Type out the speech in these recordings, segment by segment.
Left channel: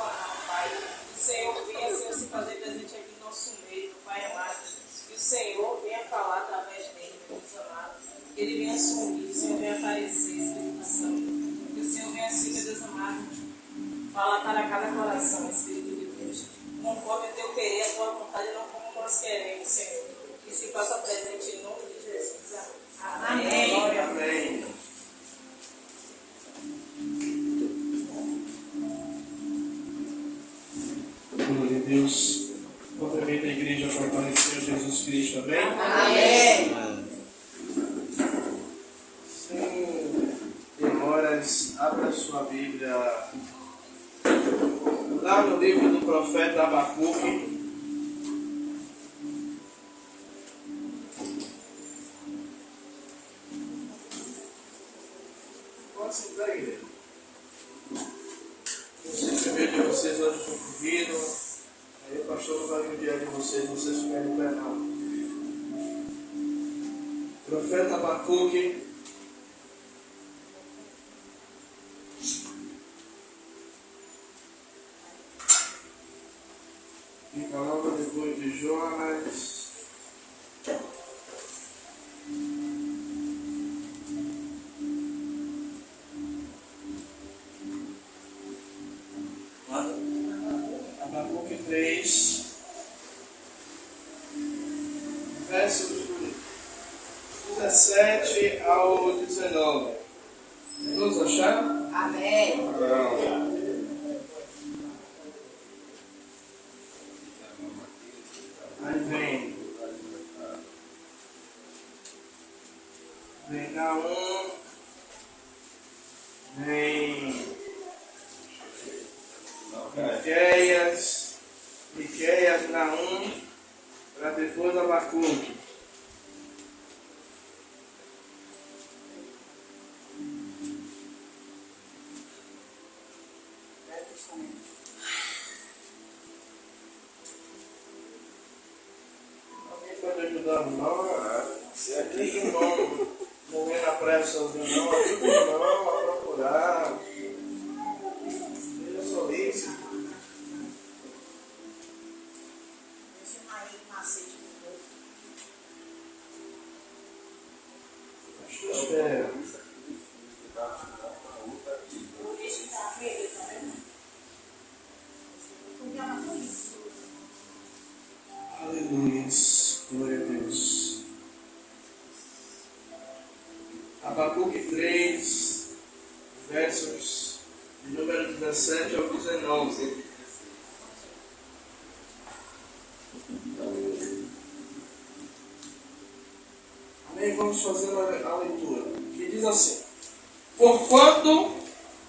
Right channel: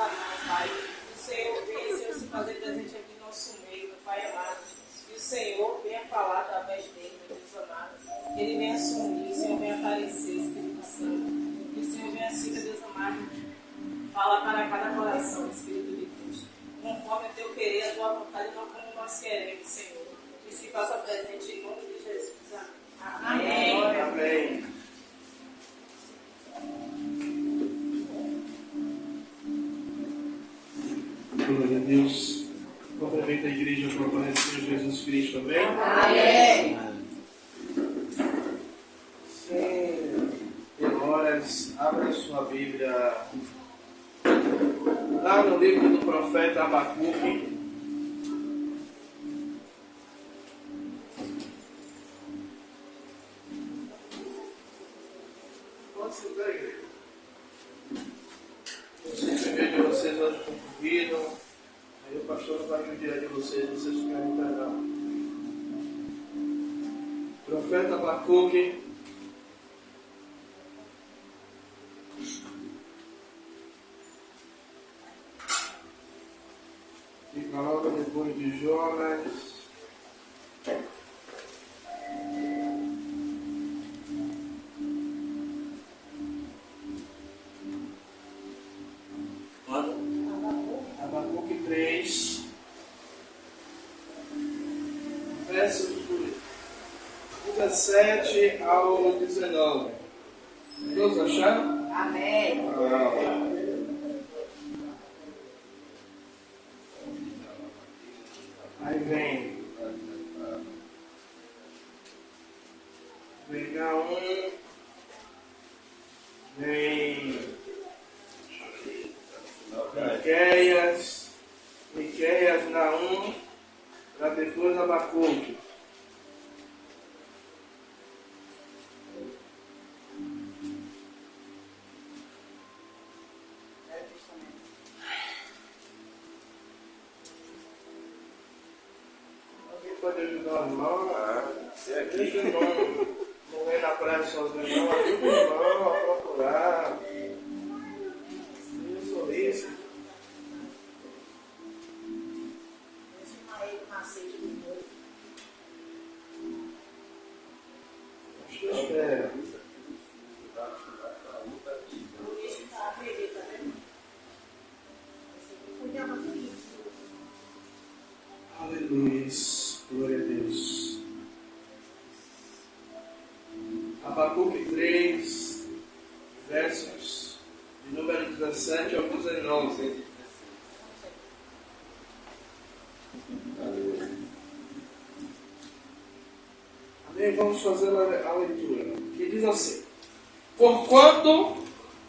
clamar, Pai. O Senhor venha, Senhor, se fazer presente aqui no nosso meio, Pai amado. Que o Senhor venha falar através dele, meu Deus amado. Que ele venha assumir, o Senhor venha aparecer, Espírito Santo. Que o Senhor venha assim, meu Deus amado, falar para cada coração, Espírito de Deus. Conforme o teu querer, a tua vontade, não como nós queremos, Senhor. Que se faça presente em nome de Jesus. Amém. Amém. Amém. Glória a Deus. Cumprimento a igreja fortaleceu Jesus Cristo. Amém? Amém. Sem demoras, abra sua Bíblia lá no livro do profeta Abacuque. Pode sentar, igreja. Eu sei que o meio de vocês hoje foi corrido. Aí o pastor não vai me enviar de vocês ficarem em pé não. Profeta Abacuque. Fica logo depois de Jonas. Abacuque 3, versos 17 ao 19. Todos acharam? Amém. Aí vem Naum, vem Miqueias, Naum, para depois Abacuque. Alguém pode ajudar o irmão? Se aqui o irmão não vem na praia sozinho, não, ajuda o irmão a procurar. Seja solícito. Espera. Aleluia. Glória a Deus. Abacuque 3, versos de número 17 ao 19. Amém? Vamos fazer a leitura. Que diz assim: porquanto,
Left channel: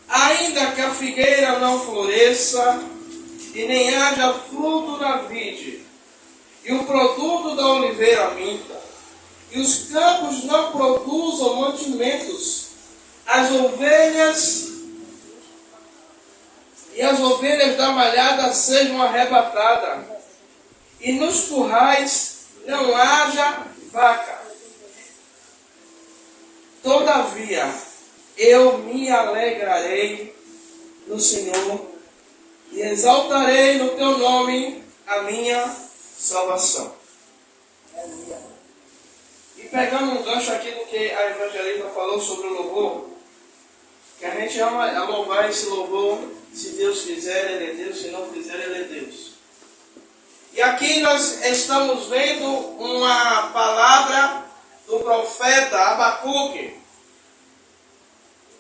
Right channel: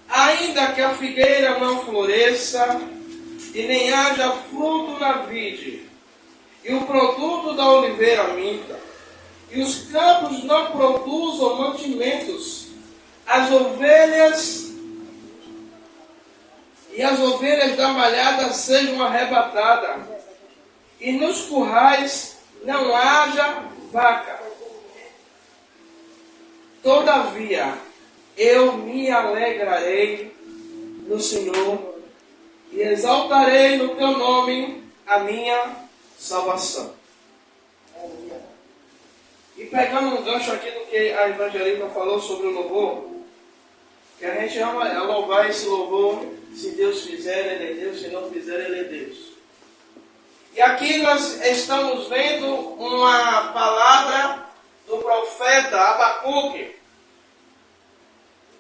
ainda que a figueira não floresça, e nem haja fruto na vide, e o produto da oliveira minta, e os campos não produzam mantimentos, as ovelhas da malhada sejam arrebatadas, e nos currais não haja vaca. Todavia, eu me alegrarei no Senhor, e exaltarei no teu nome a minha salvação. E pegando um gancho aqui do que a evangelista falou sobre o louvor, que a gente ama louvar esse louvor, se Deus fizer, Ele é Deus, se não fizer, Ele é Deus. E aqui nós estamos vendo uma palavra do profeta Abacuque,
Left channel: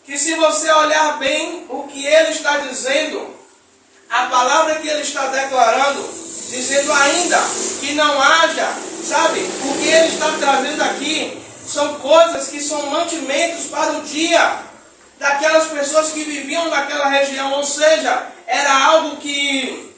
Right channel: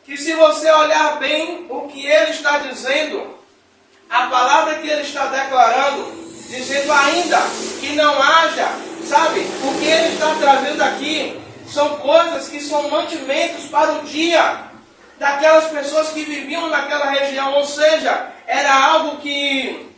que se você olhar bem o que ele está dizendo, a palavra que ele está declarando, dizendo ainda que não haja, sabe, o que ele está trazendo aqui são coisas que são mantimentos para o dia daquelas pessoas que viviam naquela região, ou seja, era algo que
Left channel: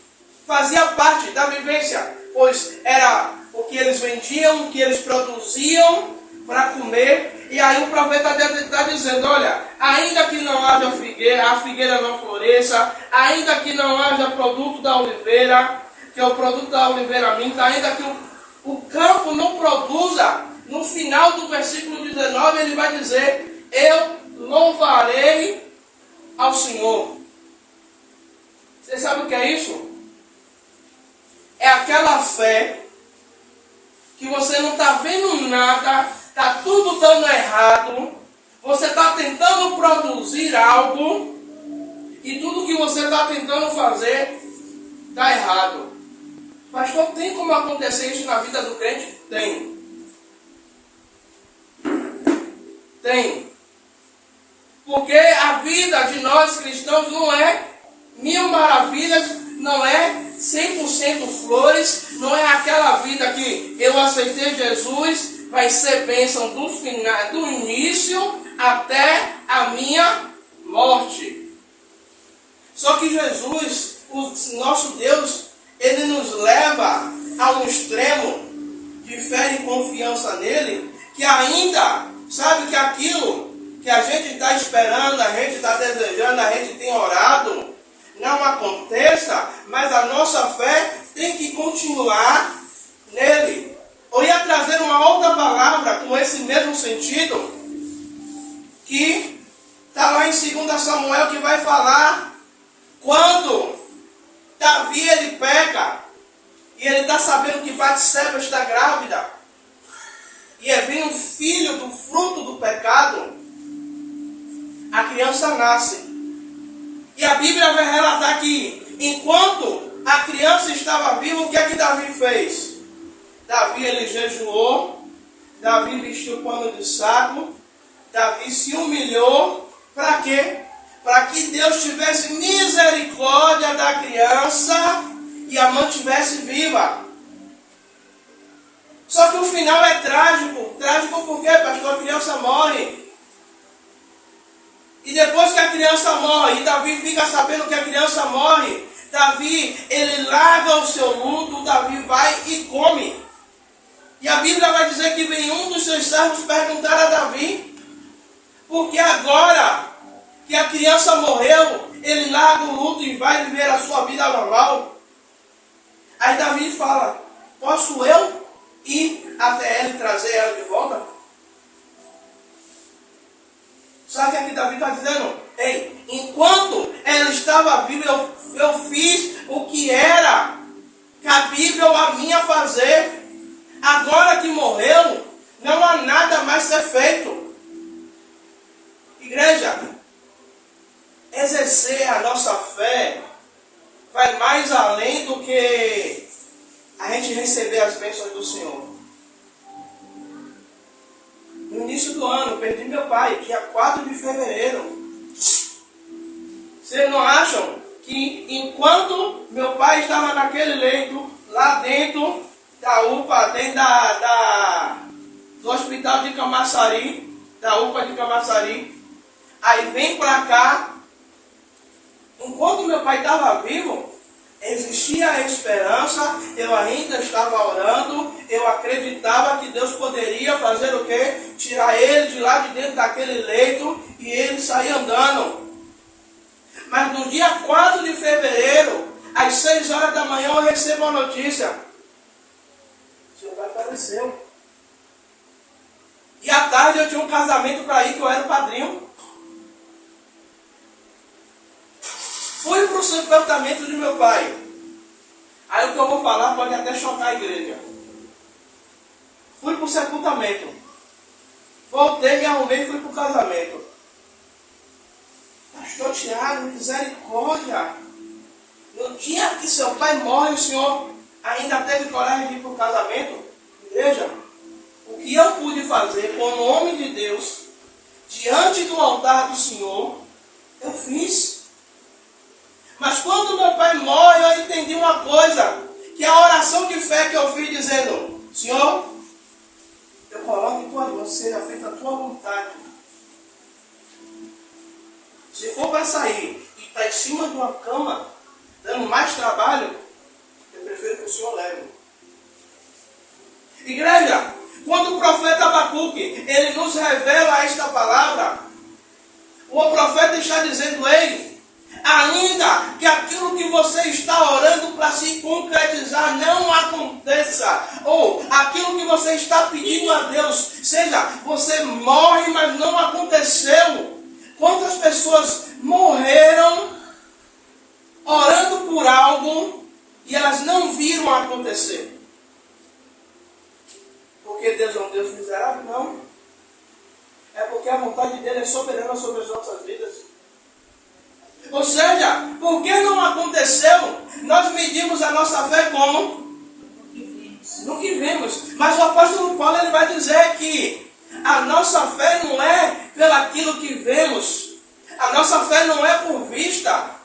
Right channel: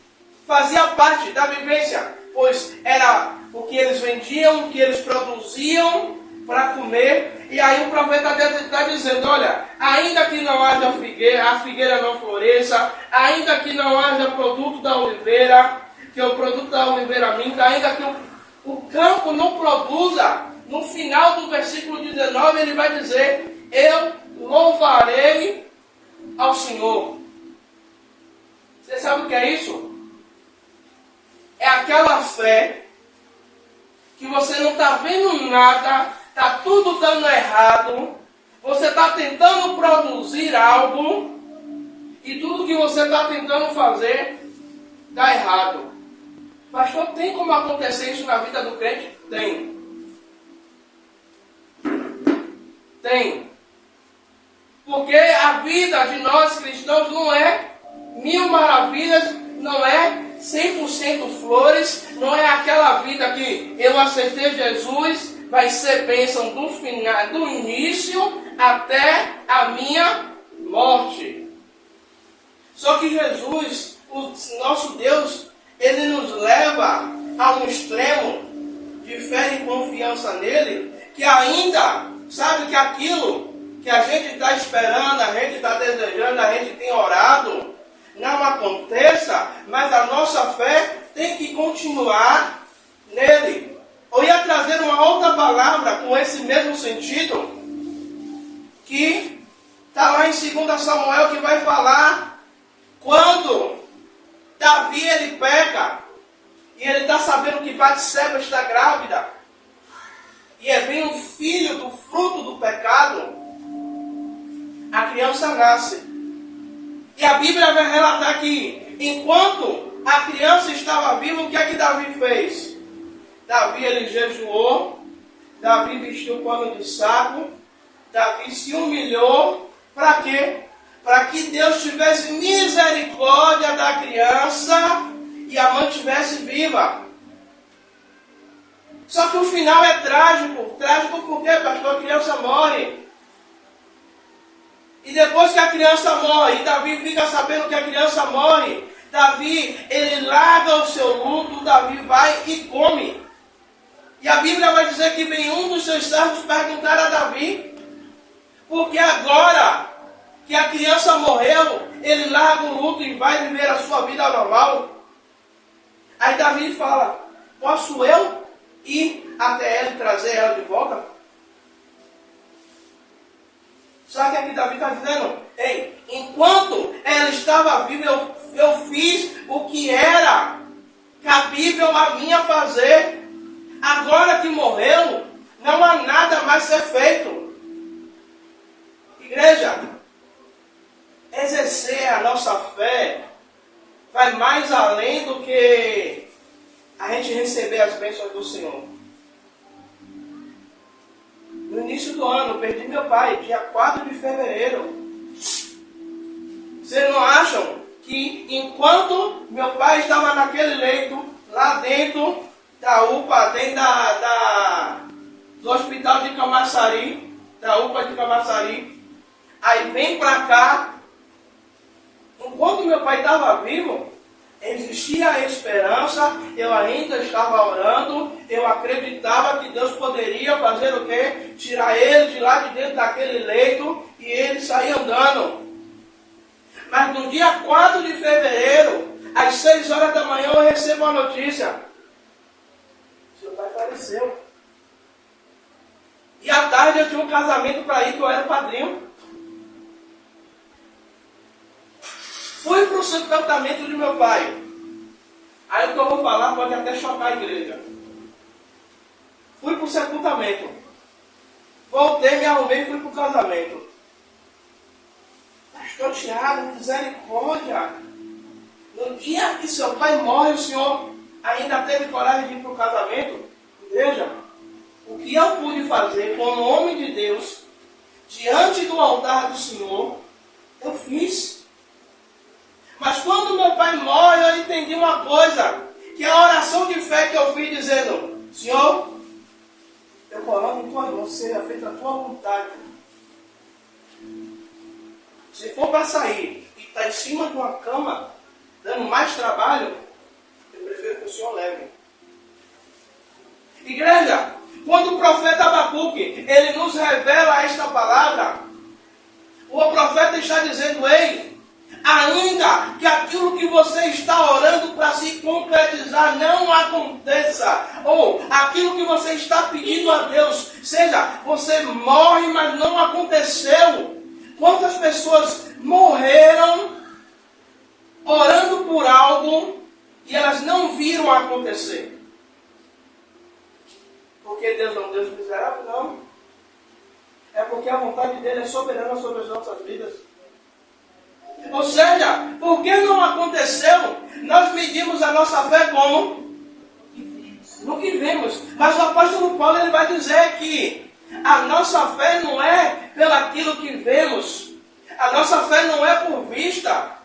fazia parte da vivência, pois era o que eles vendiam, o que eles produziam para comer. E aí o profeta está dizendo, olha, ainda que não haja figueira, a figueira não floresça, ainda que não haja produto da oliveira, que é o produto da oliveira minta, ainda que o campo não produza, no final do versículo 19 ele vai dizer, eu louvarei ao Senhor. Você sabe o que é isso? É aquela fé que você não está vendo nada, está tudo dando errado, você está tentando produzir algo e tudo que você está tentando fazer dá errado. Pastor, tem como acontecer isso na vida do crente? Tem. Tem. Porque a vida de nós cristãos não é mil maravilhas, não é 100% flores, não é aquela vida que eu aceitei Jesus, vai ser bênção do final, do início até a minha morte. Só que Jesus, o nosso Deus, ele nos leva a um extremo de fé e confiança nele, que ainda, sabe que aquilo que a gente está esperando, a gente está desejando, a gente tem orado, não aconteça, mas a nossa fé tem que continuar nele. Eu ia trazer uma outra palavra com esse mesmo sentido, que está lá em 2 Samuel, que vai falar quando Davi ele peca, e ele está sabendo que Batseba está grávida, e vem um filho do fruto do pecado, a criança nasce. E a Bíblia vai relatar que, enquanto a criança estava viva, o que é que Davi fez? Davi, ele jejuou, Davi vestiu pano de saco, Davi se humilhou, para quê? Para que Deus tivesse misericórdia da criança e a mantivesse viva. Só que o final é trágico. Trágico por quê, pastor? A criança morre. E depois que a criança morre, e Davi fica sabendo que a criança morre, Davi, ele larga o seu luto, Davi vai e come. E a Bíblia vai dizer que vem um dos seus servos perguntar a Davi, porque agora que a criança morreu, ele larga o luto e vai viver a sua vida normal. Aí Davi fala, posso eu ir até ela e trazer ela de volta? Sabe o que é que Davi está dizendo? Ei, enquanto ela estava viva, eu fiz o que era cabível a mim a fazer. Agora que morreu, não há nada mais a ser feito. Igreja, exercer a nossa fé vai mais além do que a gente receber as bênçãos do Senhor. No início do ano, perdi meu pai, dia 4 de fevereiro. Vocês não acham que enquanto meu pai estava naquele leito, lá dentro da UPA, dentro do hospital de Camaçari, da UPA de Camaçari, aí vem para cá, enquanto meu pai estava vivo, existia a esperança, eu ainda estava orando, eu acreditava que Deus poderia fazer o quê? Tirar ele de lá de dentro daquele leito e ele sair andando. Mas no dia 4 de fevereiro, às 6 horas da manhã, eu recebo a notícia. Seu pai faleceu. E à tarde eu tinha um casamento para ir, que eu era o padrinho. Fui para o sepultamento de meu pai. Aí o que eu vou falar pode até chocar a igreja. Fui para o sepultamento. Voltei, me arrumei e fui para o casamento. Pastor Tiago, misericórdia. No dia que seu pai morre, o senhor ainda teve coragem de ir para o casamento? Igreja, o que eu pude fazer como homem de Deus, diante do altar do Senhor, eu fiz. Mas quando meu pai morre, eu entendi uma coisa, que a oração de fé que eu fiz dizendo, Senhor, eu coloco em tuas mãos, seja feita a tua vontade. Se for para sair e estar em cima de uma cama, dando mais trabalho, eu prefiro que o Senhor leve. Igreja, quando o profeta Abacuque, ele nos revela esta palavra, o profeta está dizendo, ei, ainda que aquilo que você está orando para se concretizar não aconteça, ou aquilo que você está pedindo a Deus, seja, você morre, mas não aconteceu. Quantas pessoas morreram orando por algo e elas não viram acontecer. Porque Deus é um Deus miserável? Não. É porque a vontade dele é soberana sobre as nossas vidas. Ou seja, porque não aconteceu, nós medimos a nossa fé como? No que vemos. Mas o apóstolo Paulo ele vai dizer que a nossa fé não é pelaquilo que vemos. A nossa fé não é por vista.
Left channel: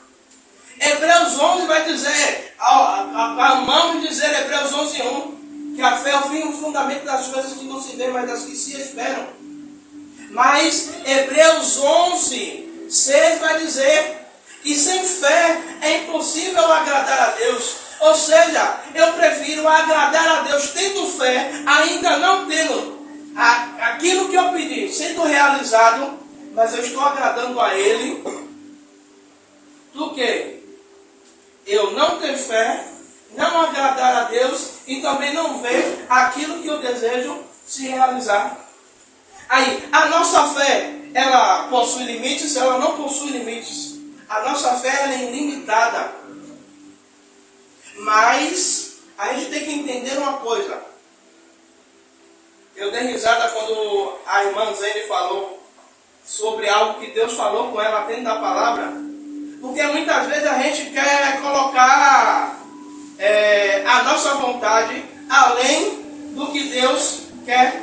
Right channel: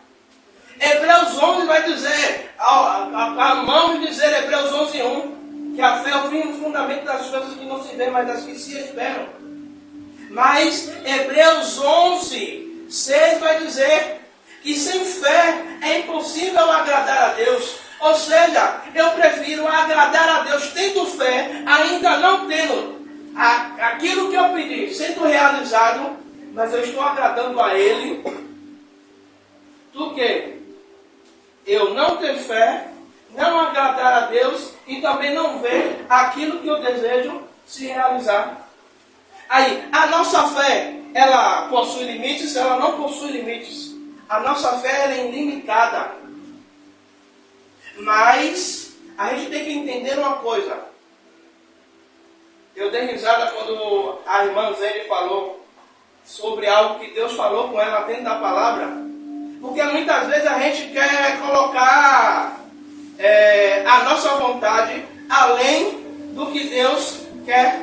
Hebreus 11 vai dizer, amamos dizer, Hebreus 11:1, que a fé é o fim e o fundamento das coisas que não se vê, mas das que se esperam. Mas Hebreus 11:6 vai dizer que sem fé é impossível agradar a Deus. Ou seja, eu prefiro agradar a Deus tendo fé, ainda não tendo aquilo que eu pedi sendo realizado, mas eu estou agradando a Ele, do que eu não ter fé, não agradar a Deus e também não ver aquilo que eu desejo se realizar. Aí, a nossa fé, ela possui limites, ela não possui limites. A nossa fé ela é ilimitada. Mas a gente tem que entender uma coisa. Eu dei risada quando a irmã Zene falou sobre algo que Deus falou com ela dentro da palavra. Porque muitas vezes a gente quer colocar a nossa vontade além do que Deus quer.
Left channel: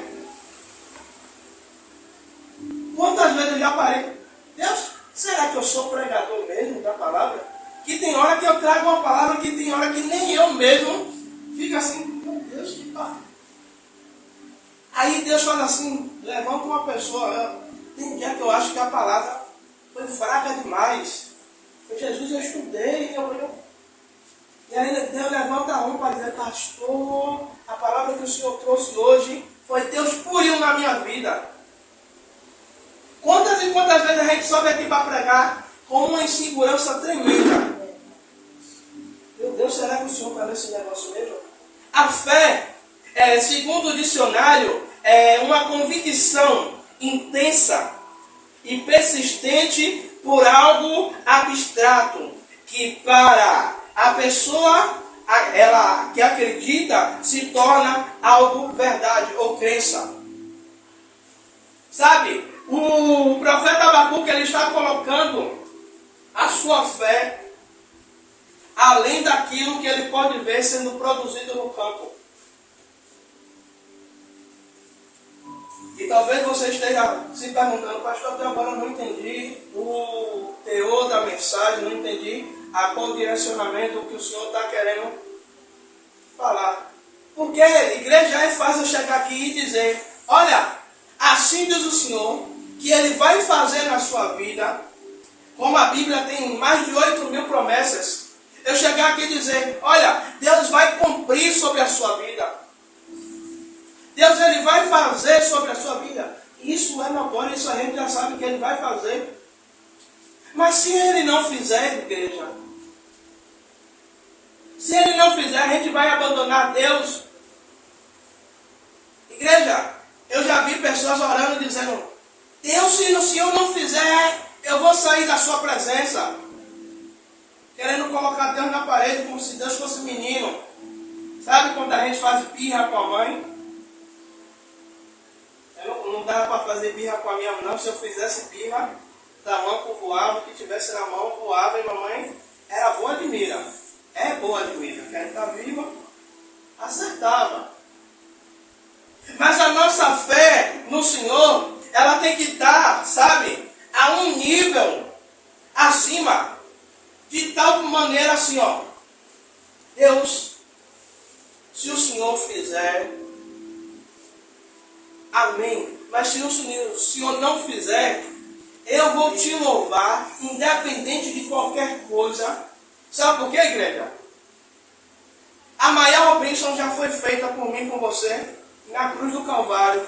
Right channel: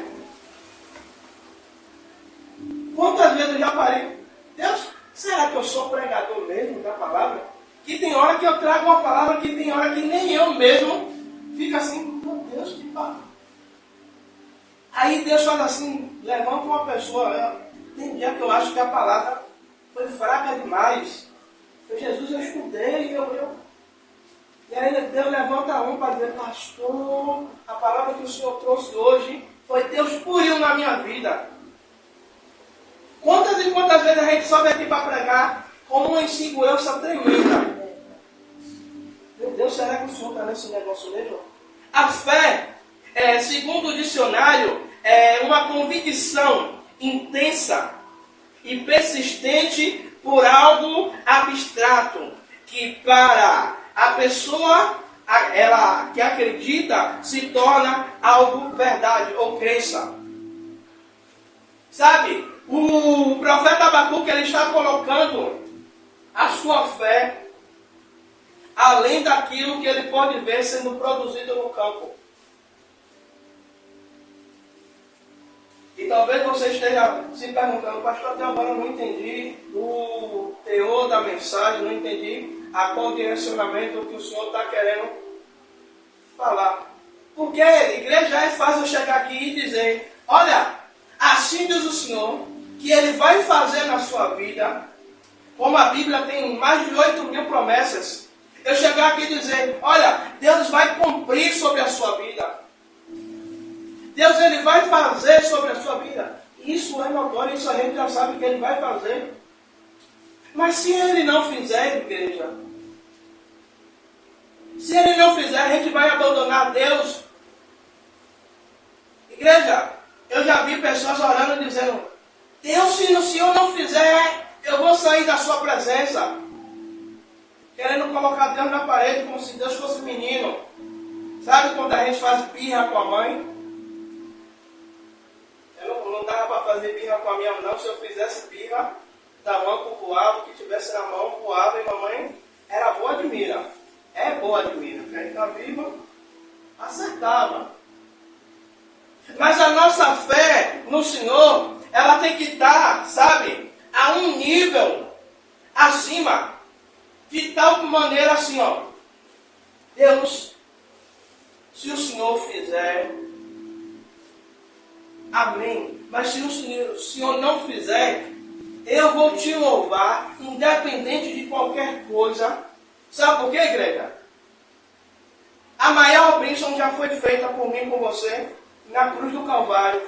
Quantas vezes eu já parei? Deus, será que eu sou pregador mesmo da palavra? Que tem hora que eu trago uma palavra, que tem hora que nem eu mesmo fico assim, meu Deus, que palavra. Aí Deus fala assim, levanta uma pessoa. Tem dia que eu acho que a palavra foi fraca demais. Jesus, eu estudei, E aí Deus levanta um para dizer, pastor, a palavra que o Senhor trouxe hoje foi Deus purinho na minha vida. Quantas e quantas vezes a gente sobe aqui para pregar com uma insegurança tremenda? Meu Deus, será que o Senhor está nesse negócio mesmo? A fé, segundo o dicionário, é uma convicção intensa e persistente por algo abstrato, que para a pessoa ela que acredita se torna algo verdade ou crença. Sabe? O profeta Abacuque ele está colocando a sua fé além daquilo que ele pode ver sendo produzido no campo. E talvez você esteja se perguntando, pastor, até agora eu não entendi o teor da mensagem, não entendi qual direcionamento que o Senhor está querendo falar. Porque igreja é fácil chegar aqui e dizer, olha, assim diz o Senhor, que Ele vai fazer na sua vida, como a Bíblia tem mais de 8.000 promessas, eu chegar aqui e dizer, olha, Deus vai cumprir sobre a sua vida. Deus Ele vai fazer sobre a sua vida. Isso é notório, isso a gente já sabe que Ele vai fazer. Mas se Ele não fizer, igreja, se Ele não fizer, a gente vai abandonar Deus. Igreja, eu já vi pessoas orando dizendo, Deus, se o Senhor não fizer, eu vou sair da sua presença. Querendo colocar Deus na parede como se Deus fosse menino. Sabe quando a gente faz birra com a mãe? Eu não dava para fazer birra com a minha mãe, não. Se eu fizesse birra, tamanco voava, o que tivesse na mão voava, e mamãe era boa de mira. É boa de mira. Que a gente está viva, acertava. Mas a nossa fé no Senhor, ela tem que estar, sabe, a um nível acima, de tal maneira assim, ó. Deus, se o Senhor fizer, amém. Mas se o Senhor não fizer, eu vou te louvar, independente de qualquer coisa. Sabe por quê, igreja? A maior bênção já foi feita por mim e por você na cruz do Calvário.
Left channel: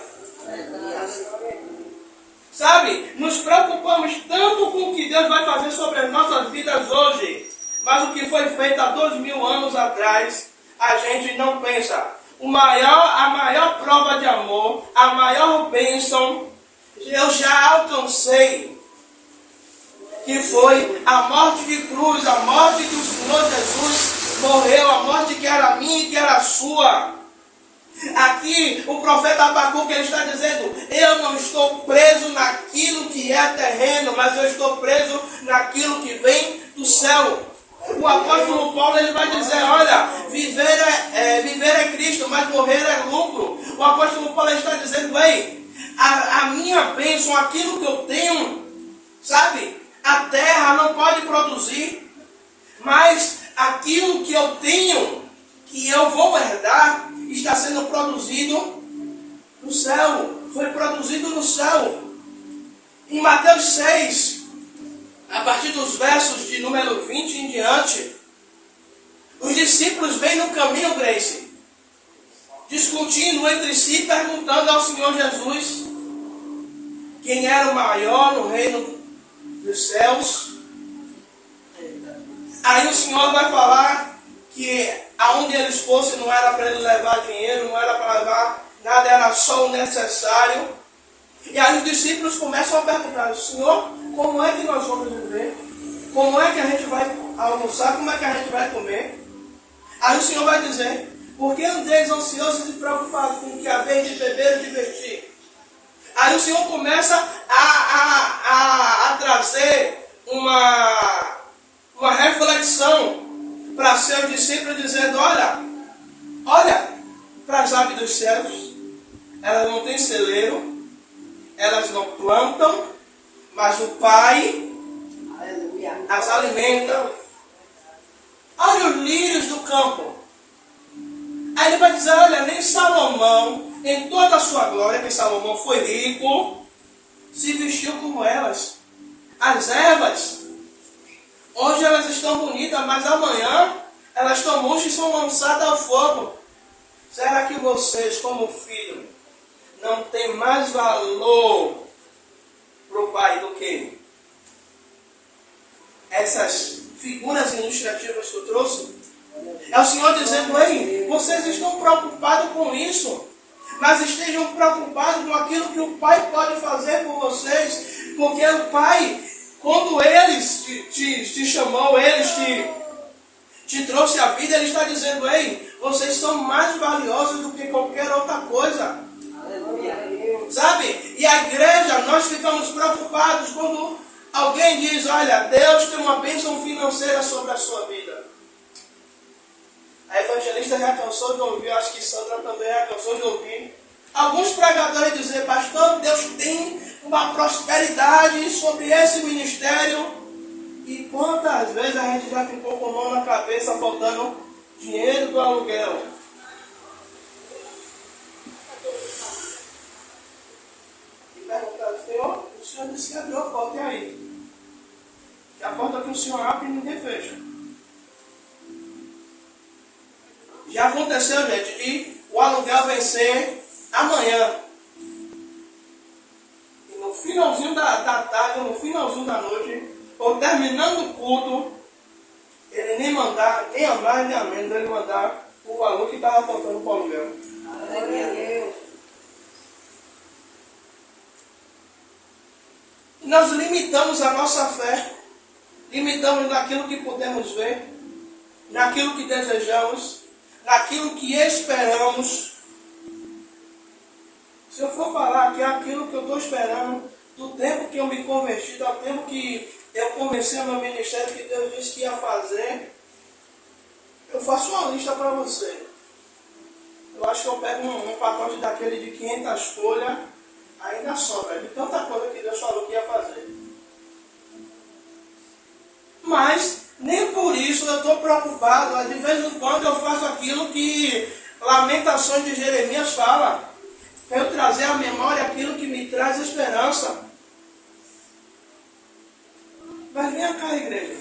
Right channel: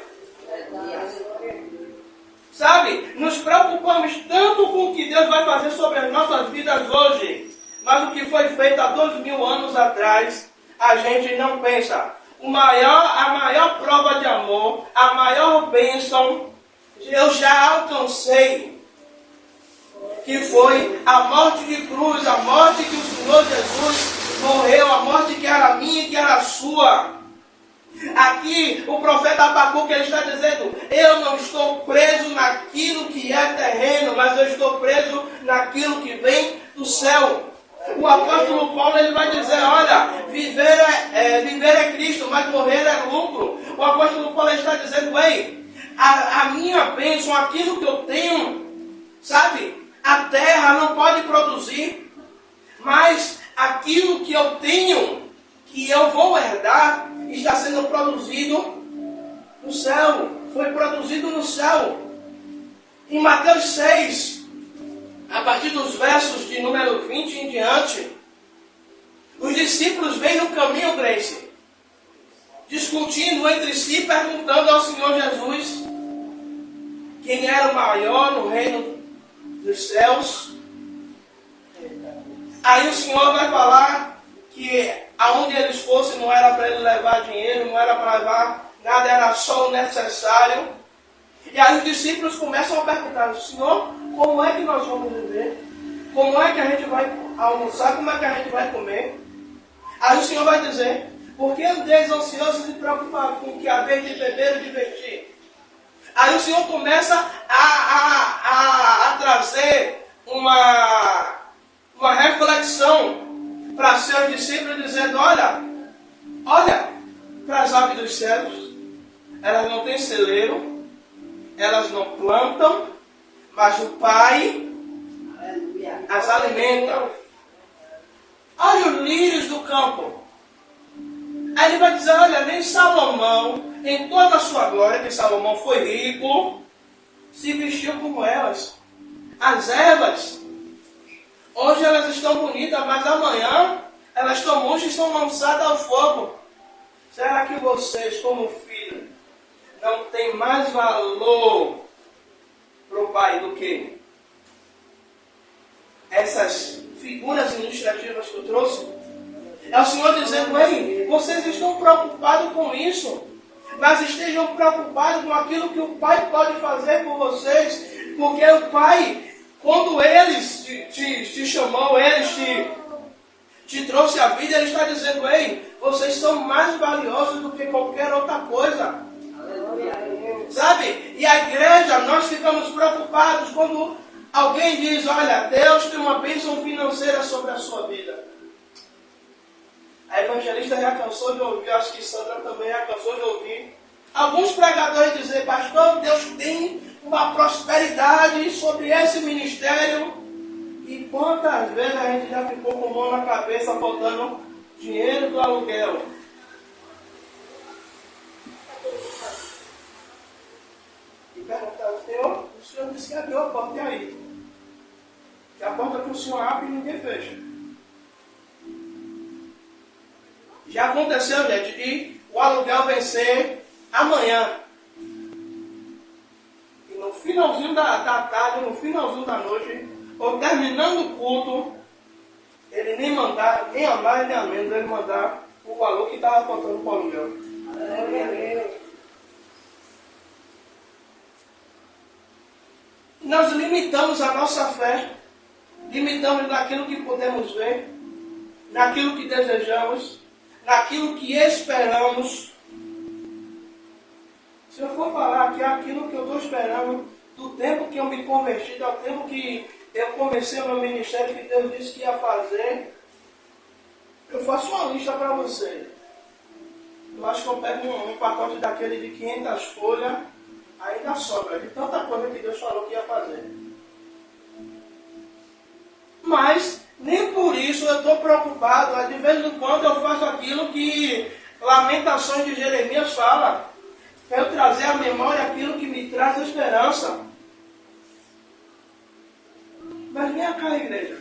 Sabe, nos preocupamos tanto com o que Deus vai fazer sobre as nossas vidas hoje, mas o que foi feito há 2.000 anos atrás, a gente não pensa. A maior prova de amor, a maior bênção, eu já alcancei. que foi a morte de cruz, a morte que o Senhor Jesus morreu, a morte que era minha e que era sua. Aqui o profeta Abacuque ele está dizendo: eu não estou preso naquilo que é terreno, mas eu estou preso naquilo que vem do céu. O apóstolo Paulo ele vai dizer: olha, viver é Cristo, mas morrer é lucro. O apóstolo Paulo está dizendo: bem, a minha bênção, aquilo que eu tenho, sabe, a terra não pode produzir, mas aquilo que eu tenho, que eu vou herdar, está sendo produzido no céu. Foi produzido no céu. Em Mateus 6, a partir dos versos de número 20 em diante, os discípulos vêm no caminho, Grace, discutindo entre si, perguntando ao Senhor Jesus quem era o maior no reino dos céus. Aí o Senhor vai falar que aonde eles fossem não era para ele levar dinheiro, não era para levar nada, era só o necessário. E aí os discípulos começam a perguntar: Senhor, como é que nós vamos viver? Como é que a gente vai almoçar? Como é que a gente vai comer? Aí o Senhor vai dizer: por que andeis ansiosos e preocupados com o que haveis de beber e de vestir? Aí o Senhor começa a trazer uma reflexão para seus discípulos, dizendo: olha para as aves dos céus, elas não têm celeiro, elas não plantam, mas o Pai as alimenta. Olha os lírios do campo. Aí ele vai dizer: olha, nem Salomão, em toda a sua glória, que Salomão foi rico, se vestiu como elas. As ervas, hoje elas estão bonitas, mas amanhã elas estão murchas e são lançadas ao fogo. Será que vocês, como filho, não têm mais valor para o Pai do que essas figuras ilustrativas que eu trouxe? É o Senhor dizendo: ei, vocês estão preocupados com isso, mas estejam preocupados com aquilo que o Pai pode fazer por vocês, porque o Pai, quando eles te chamou, eles te trouxe a vida, Ele está dizendo: ei, vocês são mais valiosos do que qualquer outra coisa. Sabe? E a igreja, nós ficamos preocupados quando alguém diz: olha, Deus tem uma bênção financeira sobre a sua vida. A evangelista já cansou de ouvir, acho que Sandra também já cansou de ouvir alguns pregadores dizer: pastor, Deus tem uma prosperidade sobre esse ministério. E quantas vezes a gente já ficou com a mão na cabeça, faltando dinheiro do aluguel? E perguntaram: Senhor, o Senhor disse que abriu a porta, e aí? Que a porta que o Senhor abre e ninguém fecha. Já aconteceu, gente, de o aluguel vencer amanhã. E no finalzinho da tarde, no finalzinho da noite, ou terminando o culto, ele nem mandar, nem a mais nem a menos, ele mandar o valor que estava faltando para o aluguel. Nós limitamos a nossa fé, limitamos naquilo que podemos ver, naquilo que desejamos, naquilo que esperamos. Se eu for falar que é aquilo que eu estou esperando, do tempo que eu me converti, do tempo que eu comecei o meu ministério, que Deus disse que ia fazer, eu faço uma lista para você. Eu acho que eu pego um pacote daquele de 500 folhas, ainda sobra, de tanta coisa que Deus falou que ia fazer. Mas nem por isso eu estou preocupado. De vez em quando eu faço aquilo que Lamentações de Jeremias fala. Quero trazer à memória aquilo que me traz esperança. Mas vem cá, igreja.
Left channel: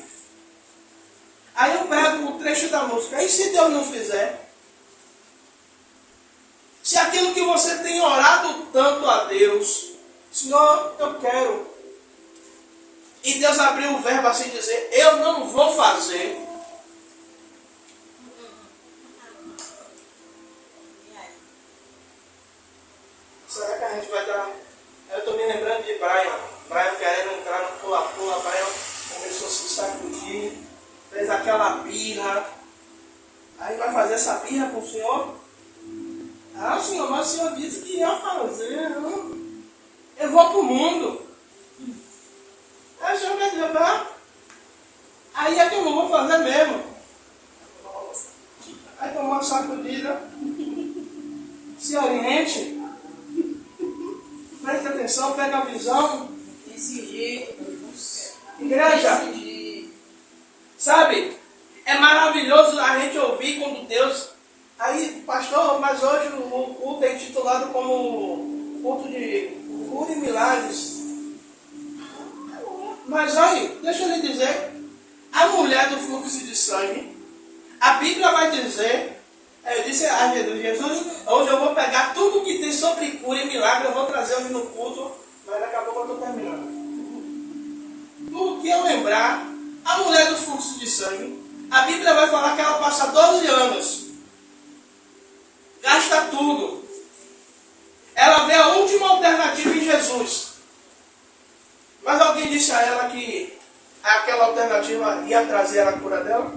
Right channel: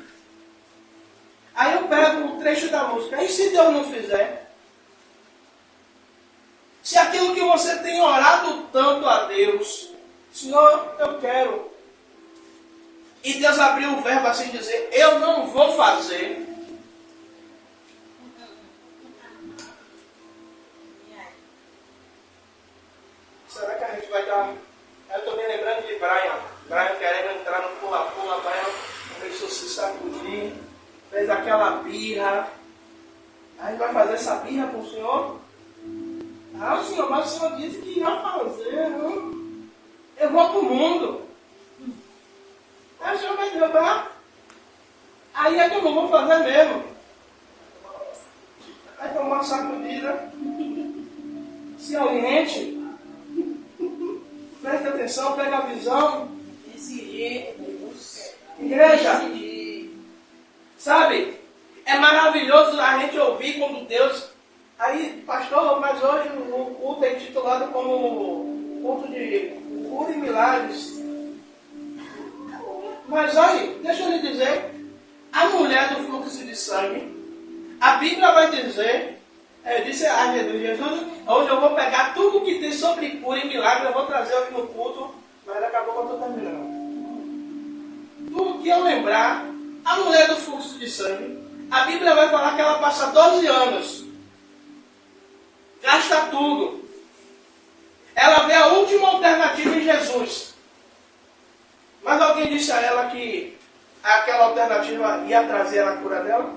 Aí eu pego o trecho da música. E se Deus não fizer? Se aquilo que você tem orado tanto a Deus, Senhor, eu quero. E Deus abriu o verbo assim, dizer: eu não vou fazer. Será que a gente vai dar? Eu estou me lembrando de Brian querendo entrar no pula-pula. Brian Aí vai fazer essa birra com o senhor? Ah, senhor, mas o senhor disse que ia fazer. Eu vou pro mundo. Aí o senhor vai levar. Aí é que eu não vou fazer mesmo. Aí tomou uma sacudida. Se oriente. Preste atenção, pega a visão. Desse jeito. Igreja, sabe? É maravilhoso a gente ouvir quando Deus... Aí, pastor, mas hoje o culto é intitulado como culto de cura e milagres. Mas olha, deixa eu lhe dizer, a mulher do fluxo de sangue, a Bíblia vai dizer, eu disse a Jesus, hoje eu vou pegar tudo que tem sobre cura e milagre, eu vou trazer hoje no culto, mas daqui a pouco eu estou terminando. Tudo que eu lembrar, a mulher do fluxo de sangue, a Bíblia vai falar que ela passa 12 anos, gasta tudo, ela vê a última alternativa em Jesus. Mas alguém disse a ela que aquela alternativa ia trazer a cura dela?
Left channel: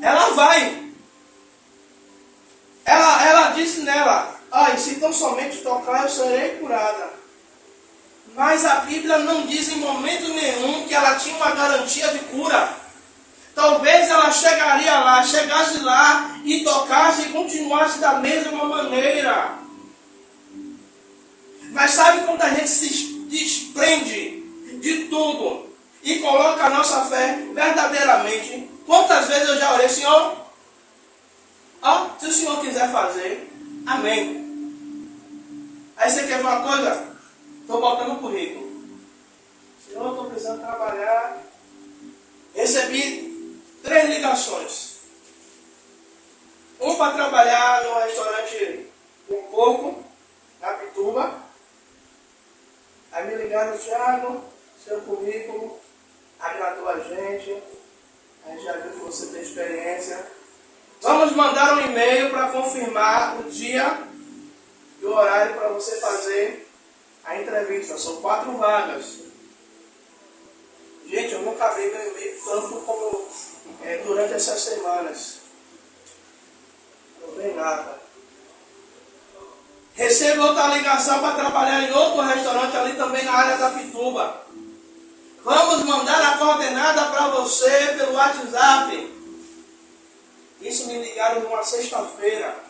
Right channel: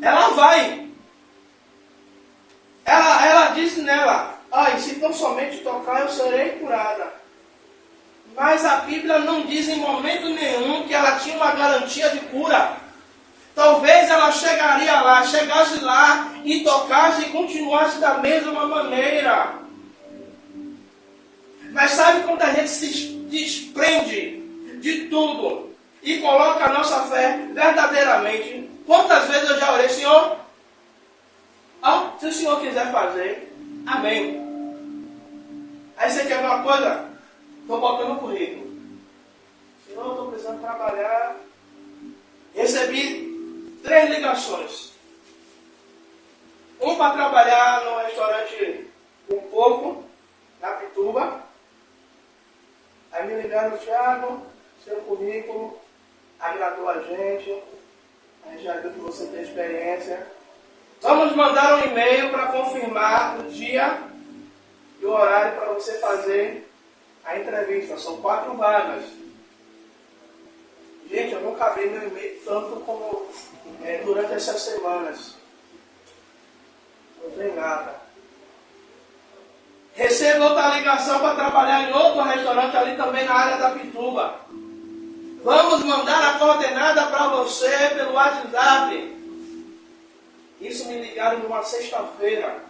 Ela vai. Ela disse nela, se tão somente tocar eu serei curada. Mas a Bíblia não diz em momento nenhum que ela tinha uma garantia de cura. Talvez ela chegasse lá e tocasse e continuasse da mesma maneira. Mas sabe quando a gente se desprende de tudo e coloca a nossa fé verdadeiramente? Quantas vezes eu já orei, Senhor? Se o Senhor quiser fazer, amém. Aí você quer ver uma coisa? Estou botando o currículo. Senhor, estou precisando trabalhar. Recebi 3 ligações. Um para trabalhar no restaurante Um Pouco, na Pituba. Aí me ligaram, Thiago, seu currículo agradou a gente já viu que você tem experiência. Vamos mandar um e-mail para confirmar o dia e o horário para você fazer a entrevista. São 4 vagas. Gente, eu nunca abri meu e-mail tanto como durante essas semanas. Não tem nada. Recebo outra ligação para trabalhar em outro restaurante ali também na área da Pituba. Vamos mandar a coordenada para você pelo WhatsApp. Isso me ligaram numa sexta-feira.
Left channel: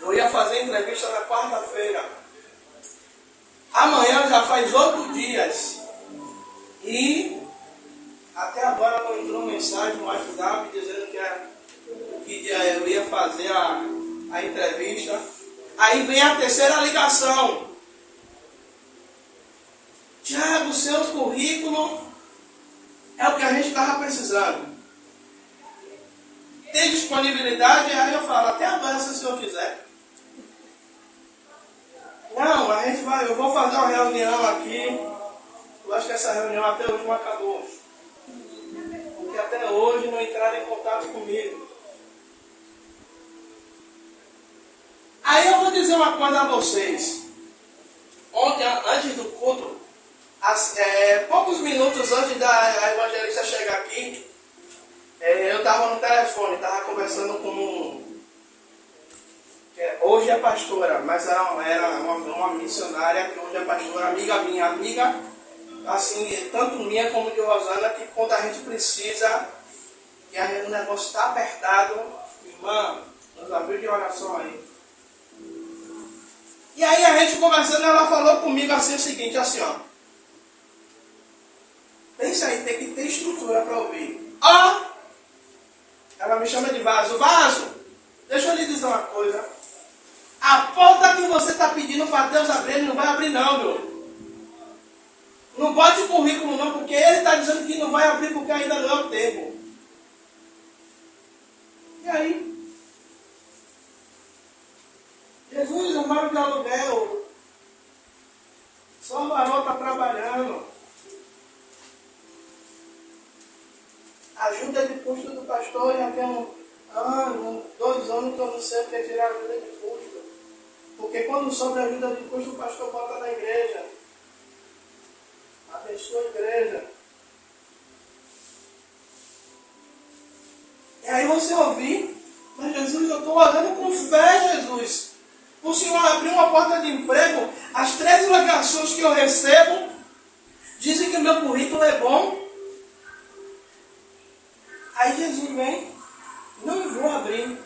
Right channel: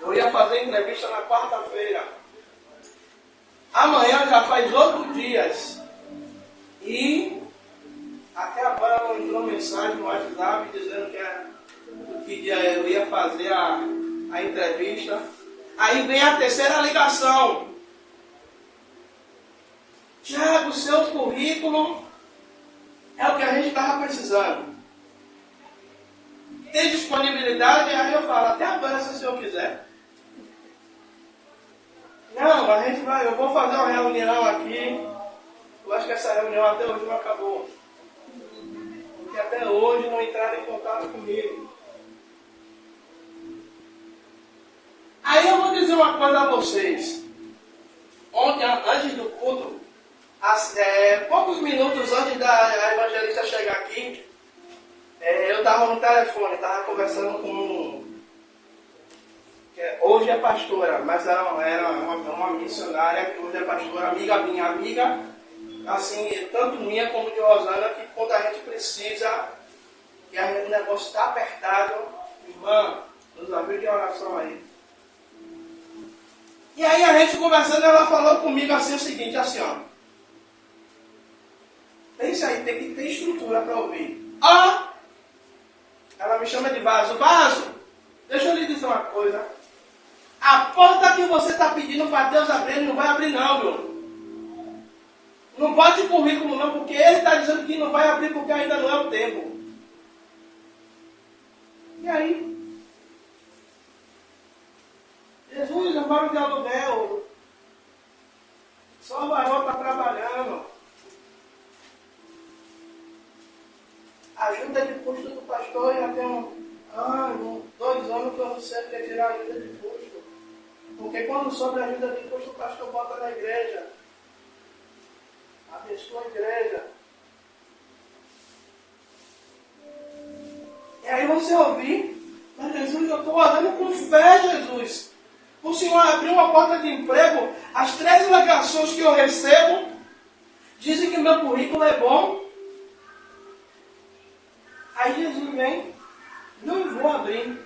Eu ia fazer entrevista na quarta-feira. Amanhã já faz 8 dias. E até agora não entrou mensagem no WhatsApp dizendo que dia eu ia fazer a entrevista. Aí vem a terceira ligação. Tiago, seu currículo é o que a gente estava precisando. Tem disponibilidade? Aí eu falo, até agora se o senhor quiser. Não, eu vou fazer uma reunião aqui. Eu acho que essa reunião até hoje não acabou. Porque até hoje não entraram em contato comigo. Aí eu vou dizer uma coisa a vocês. Ontem, antes do culto, poucos minutos antes da evangelista chegar aqui, eu estava no telefone, estava conversando com hoje é pastora, mas era uma missionária que hoje é pastora, amiga minha, assim, tanto minha como de Rosana, que quando a gente precisa, que o negócio está apertado, irmã, nos ajude de oração aí. E aí a gente conversando, ela falou comigo assim o seguinte, assim ó. Pensa aí, tem que ter estrutura para ouvir. Ela me chama de Vaso. Vaso, deixa eu lhe dizer uma coisa. A porta que você está pedindo para Deus abrir, ele não vai abrir não, viu? Não bote o currículo não, porque ele está dizendo que não vai abrir porque ainda não é o tempo. E aí? Jesus, eu moro de aluguel. Só o varão está trabalhando. Ajuda de custo do pastor, já tem 2 anos que eu não sei o que é tirar ajuda de custo. Porque quando sobra ajuda de custo, o pastor bota na igreja. Abençoa a igreja. E aí você ouvir, mas Jesus, eu estou orando com fé, Jesus. O Senhor abriu uma porta de emprego, as 3 ligações que eu recebo dizem que o meu currículo é bom. Aí Jesus vem, não vou abrir.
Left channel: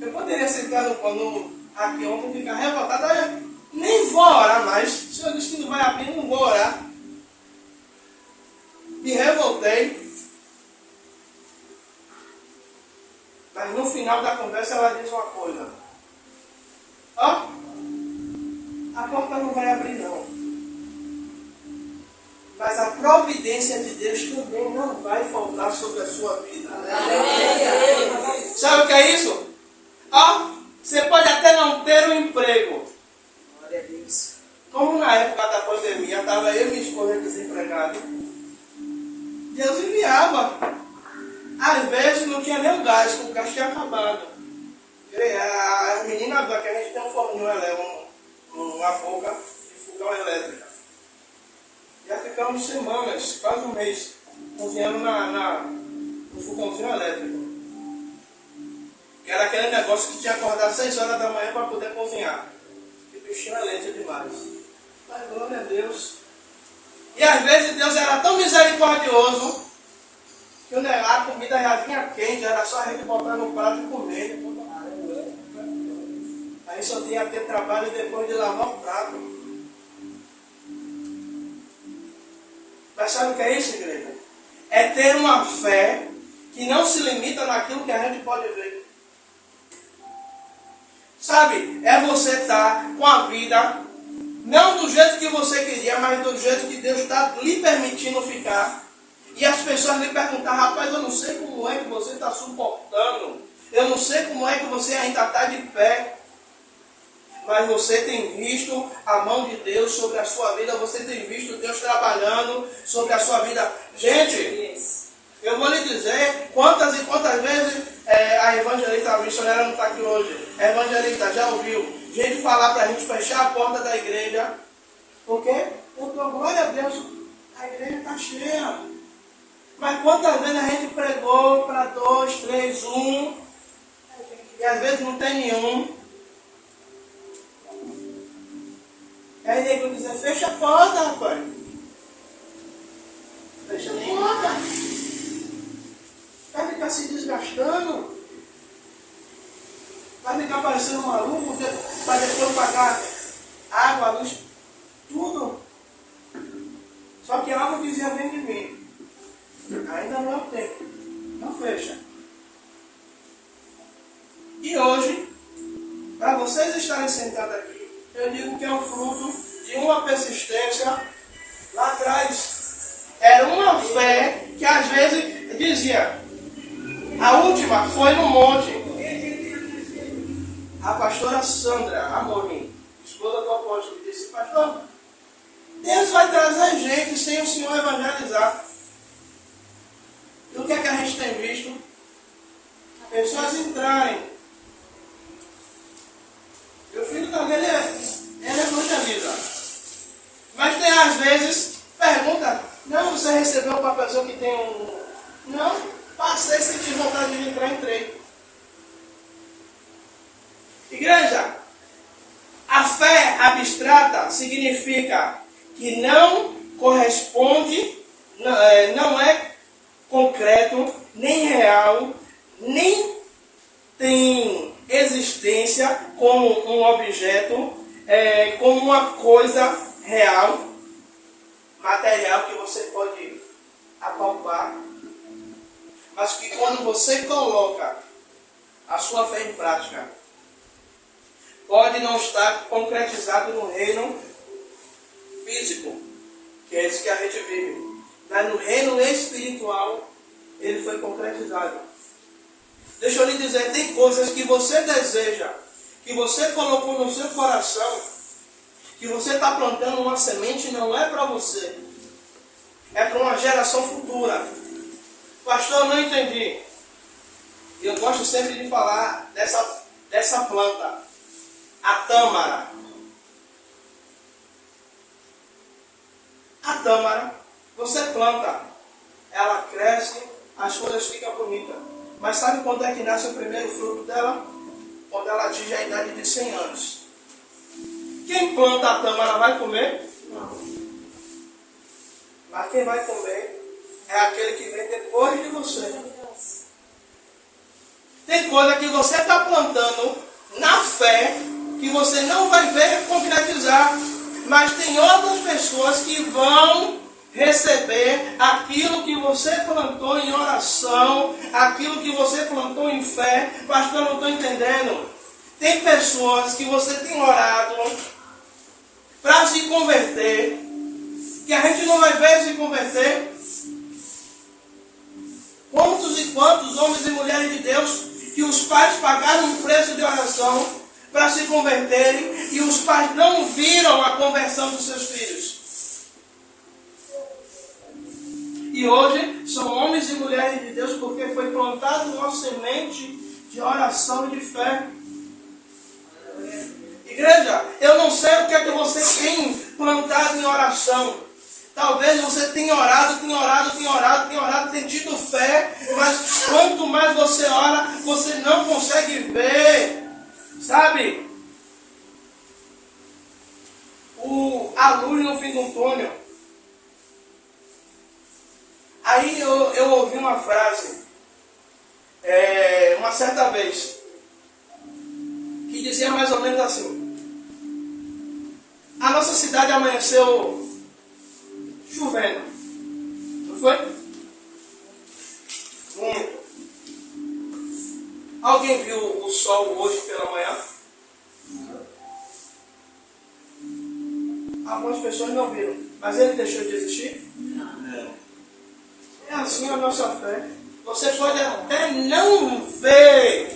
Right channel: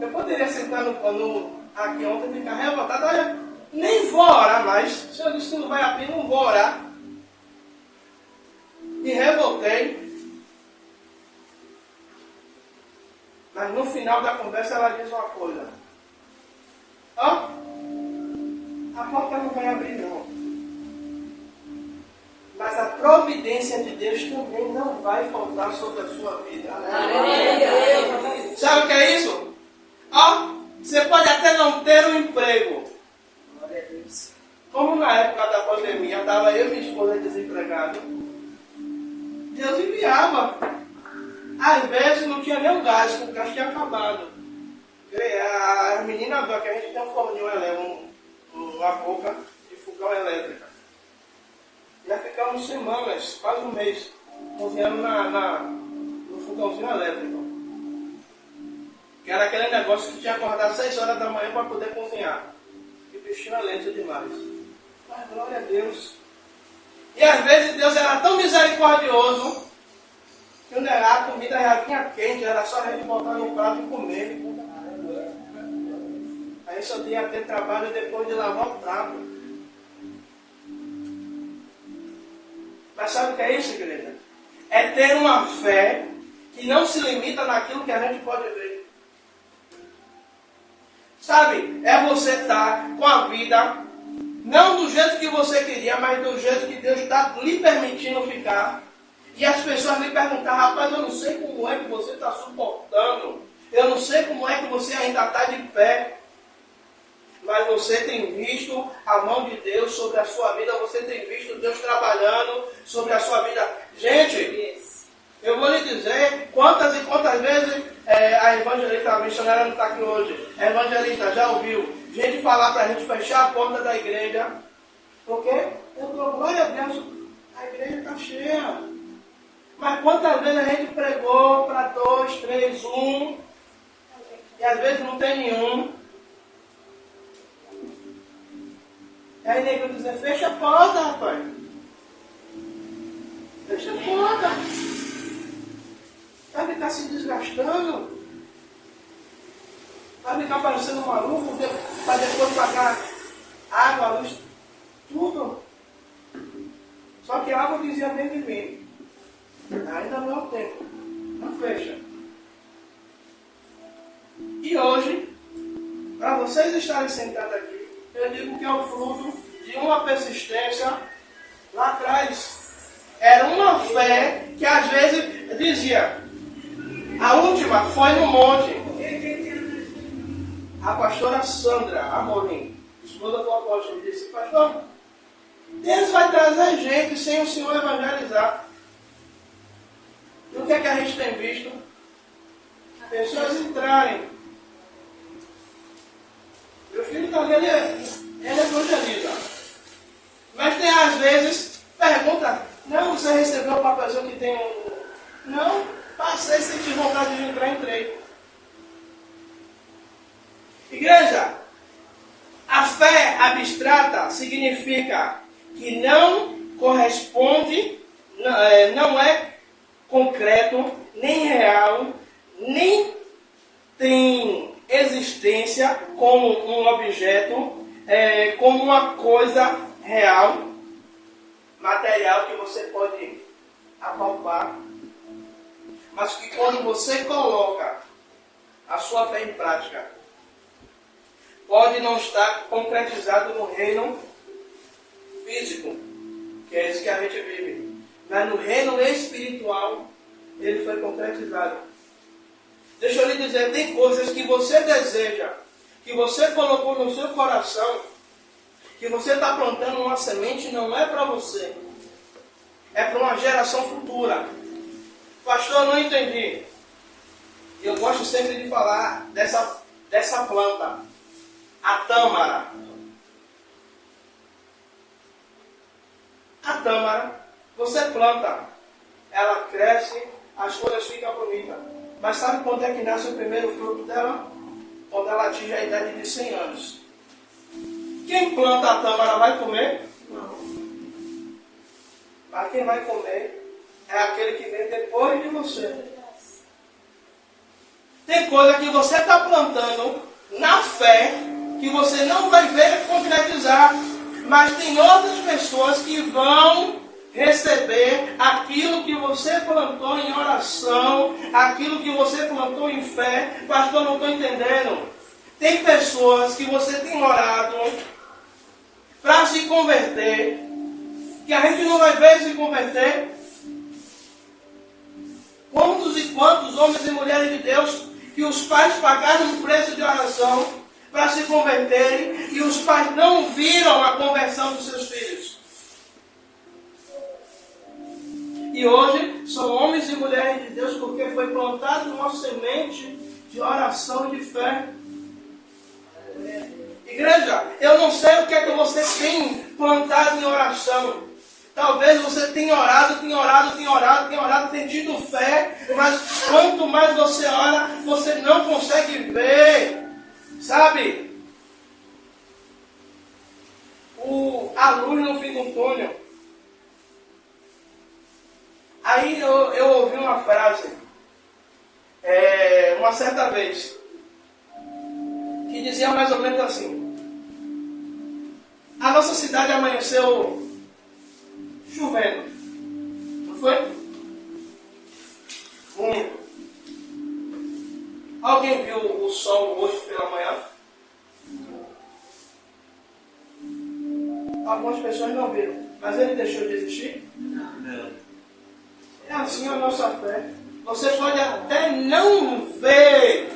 Eu poderia sentar no aqui ontem e ficar revoltado, olha, nem vou orar mais. O Senhor disse que não vai abrir, não vou orar. Me revoltei. Mas no final da conversa ela diz uma coisa. Ó, a porta não vai abrir não. Mas a providência de Deus também não vai faltar sobre a sua vida. Né? Sabe o que é isso? Ó, você pode até não ter um emprego. Glória a Deus. Como na época da pandemia, estava eu e minha esposa desempregados. Deus enviava. Às vezes não tinha nem um gás, porque o gás tinha acabado. As meninas viram que a gente tem um forninho elétrico, uma boca de fogão elétrica. Já ficamos semanas, quase um mês, cozinhando no fogãozinho elétrico. Que era aquele negócio que tinha que acordar às 6 horas da manhã para poder cozinhar. Que bichinho é lento demais. Mas glória a Deus. E às vezes Deus era tão misericordioso que a comida já vinha quente, era só a gente botar no prato e comer. Aí só tinha que ter trabalho depois de lavar o prato. Mas sabe o que é isso, igreja? É ter uma fé que não se limita naquilo que a gente pode ver. Sabe? É você estar com a vida, não do jeito que você queria, mas do jeito que Deus está lhe permitindo ficar. E as pessoas lhe perguntam, rapaz, eu não sei como é que você está suportando. Eu não sei como é que você ainda está de pé. Mas você tem visto a mão de Deus sobre a sua vida. Você tem visto Deus trabalhando sobre a sua vida. Gente, eu vou lhe dizer quantas e quantas vezes a evangelista, a missionária não está aqui hoje. A evangelista já ouviu gente falar para a gente fechar a porta da igreja. Porque eu dou glória a Deus, a igreja está cheia. Mas quantas vezes a gente pregou para 2, 3, 1 e às vezes não tem nenhum. Aí a igreja diz, fecha a porta, rapaz. Fecha a porta. Vai ficar se desgastando. Vai ficar parecendo maluco para depois pagar água, luz, tudo. Só que algo dizia dentro de mim. Ainda não é o tempo. Não fecha. E hoje, para vocês estarem sentados aqui, eu digo que é o fruto de uma persistência lá atrás. Era uma fé que às vezes dizia, a última foi no monte. A pastora Sandra Amorim, esposa do apóstolo, disse, pastor, Deus vai trazer gente sem o Senhor evangelizar. E o que é que a gente tem visto? Pessoas entrarem. Meu filho também, ele evangeliza. Mas tem às vezes, pergunta, não, você recebeu uma pessoa que tem um... Não, passei, senti vontade de entrar, entrei. Igreja, a fé abstrata significa que não corresponde, não é concreto, nem real, nem tem existência como um objeto, como uma coisa real, material que você pode apalpar, mas que quando você coloca a sua fé em prática, pode não estar concretizado no reino físico, que é esse que a gente vive. Mas no reino espiritual, ele foi concretizado. Deixa eu lhe dizer, tem coisas que você deseja, que você colocou no seu coração, que você está plantando uma semente, não é para você. É para uma geração futura. Pastor, eu não entendi. Eu gosto sempre de falar dessa planta, a tâmara. A tâmara, você planta, ela cresce, as folhas ficam bonitas. Mas sabe quando é que nasce o primeiro fruto dela? Quando ela atinge a idade de 100 anos. Quem planta a tâmara vai comer? Não. Mas quem vai comer é aquele que vem depois de você. Tem coisa que você está plantando na fé que você não vai ver concretizar. Mas tem outras pessoas que vão receber aquilo que você plantou em oração, aquilo que você plantou em fé. Pastor, não estou entendendo. Tem pessoas que você tem orado para se converter, que a gente não vai ver se converter. Quantos e quantos homens e mulheres de Deus que os pais pagaram um preço de oração para se converterem e os pais não viram a conversão dos seus filhos. E hoje são homens e mulheres de Deus porque foi plantado uma semente de oração e de fé. Igreja, eu não sei o que é que você tem plantado em oração. Talvez você tenha orado, tem tido fé, mas quanto mais você ora, você não consegue ver. Sabe? A luz no fim do túnel. Aí eu ouvi uma frase, uma certa vez, que dizia mais ou menos assim: a nossa cidade amanheceu chovendo, não foi? Muito. Alguém viu o sol hoje pela manhã? Algumas pessoas não viram, mas ele deixou de existir? Não. É assim a nossa fé. Você pode até não ver,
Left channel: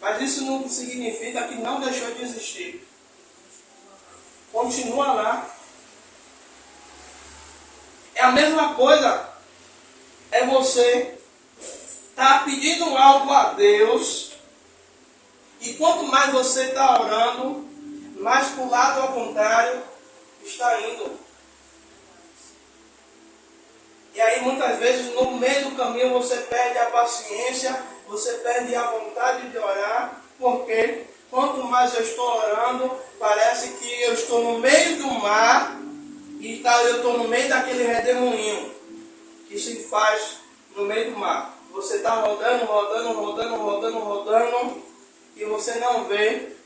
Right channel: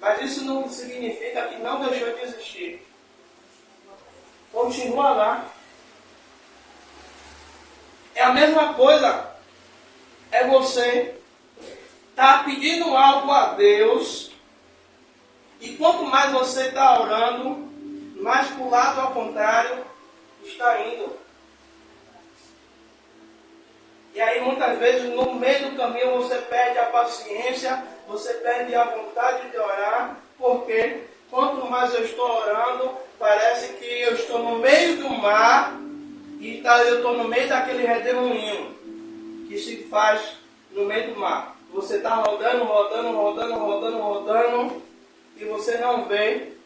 mas isso não significa que não deixou de existir. Continua lá. É a mesma coisa. É você estar pedindo algo a Deus, e quanto mais você está orando, mais para o lado ao contrário está indo. E aí muitas vezes no meio do caminho você perde a paciência, você perde a vontade de orar, porque quanto mais eu estou orando, parece que eu estou no meio do mar e eu estou no meio daquele redemoinho que se faz no meio do mar. Você está rodando e você não vê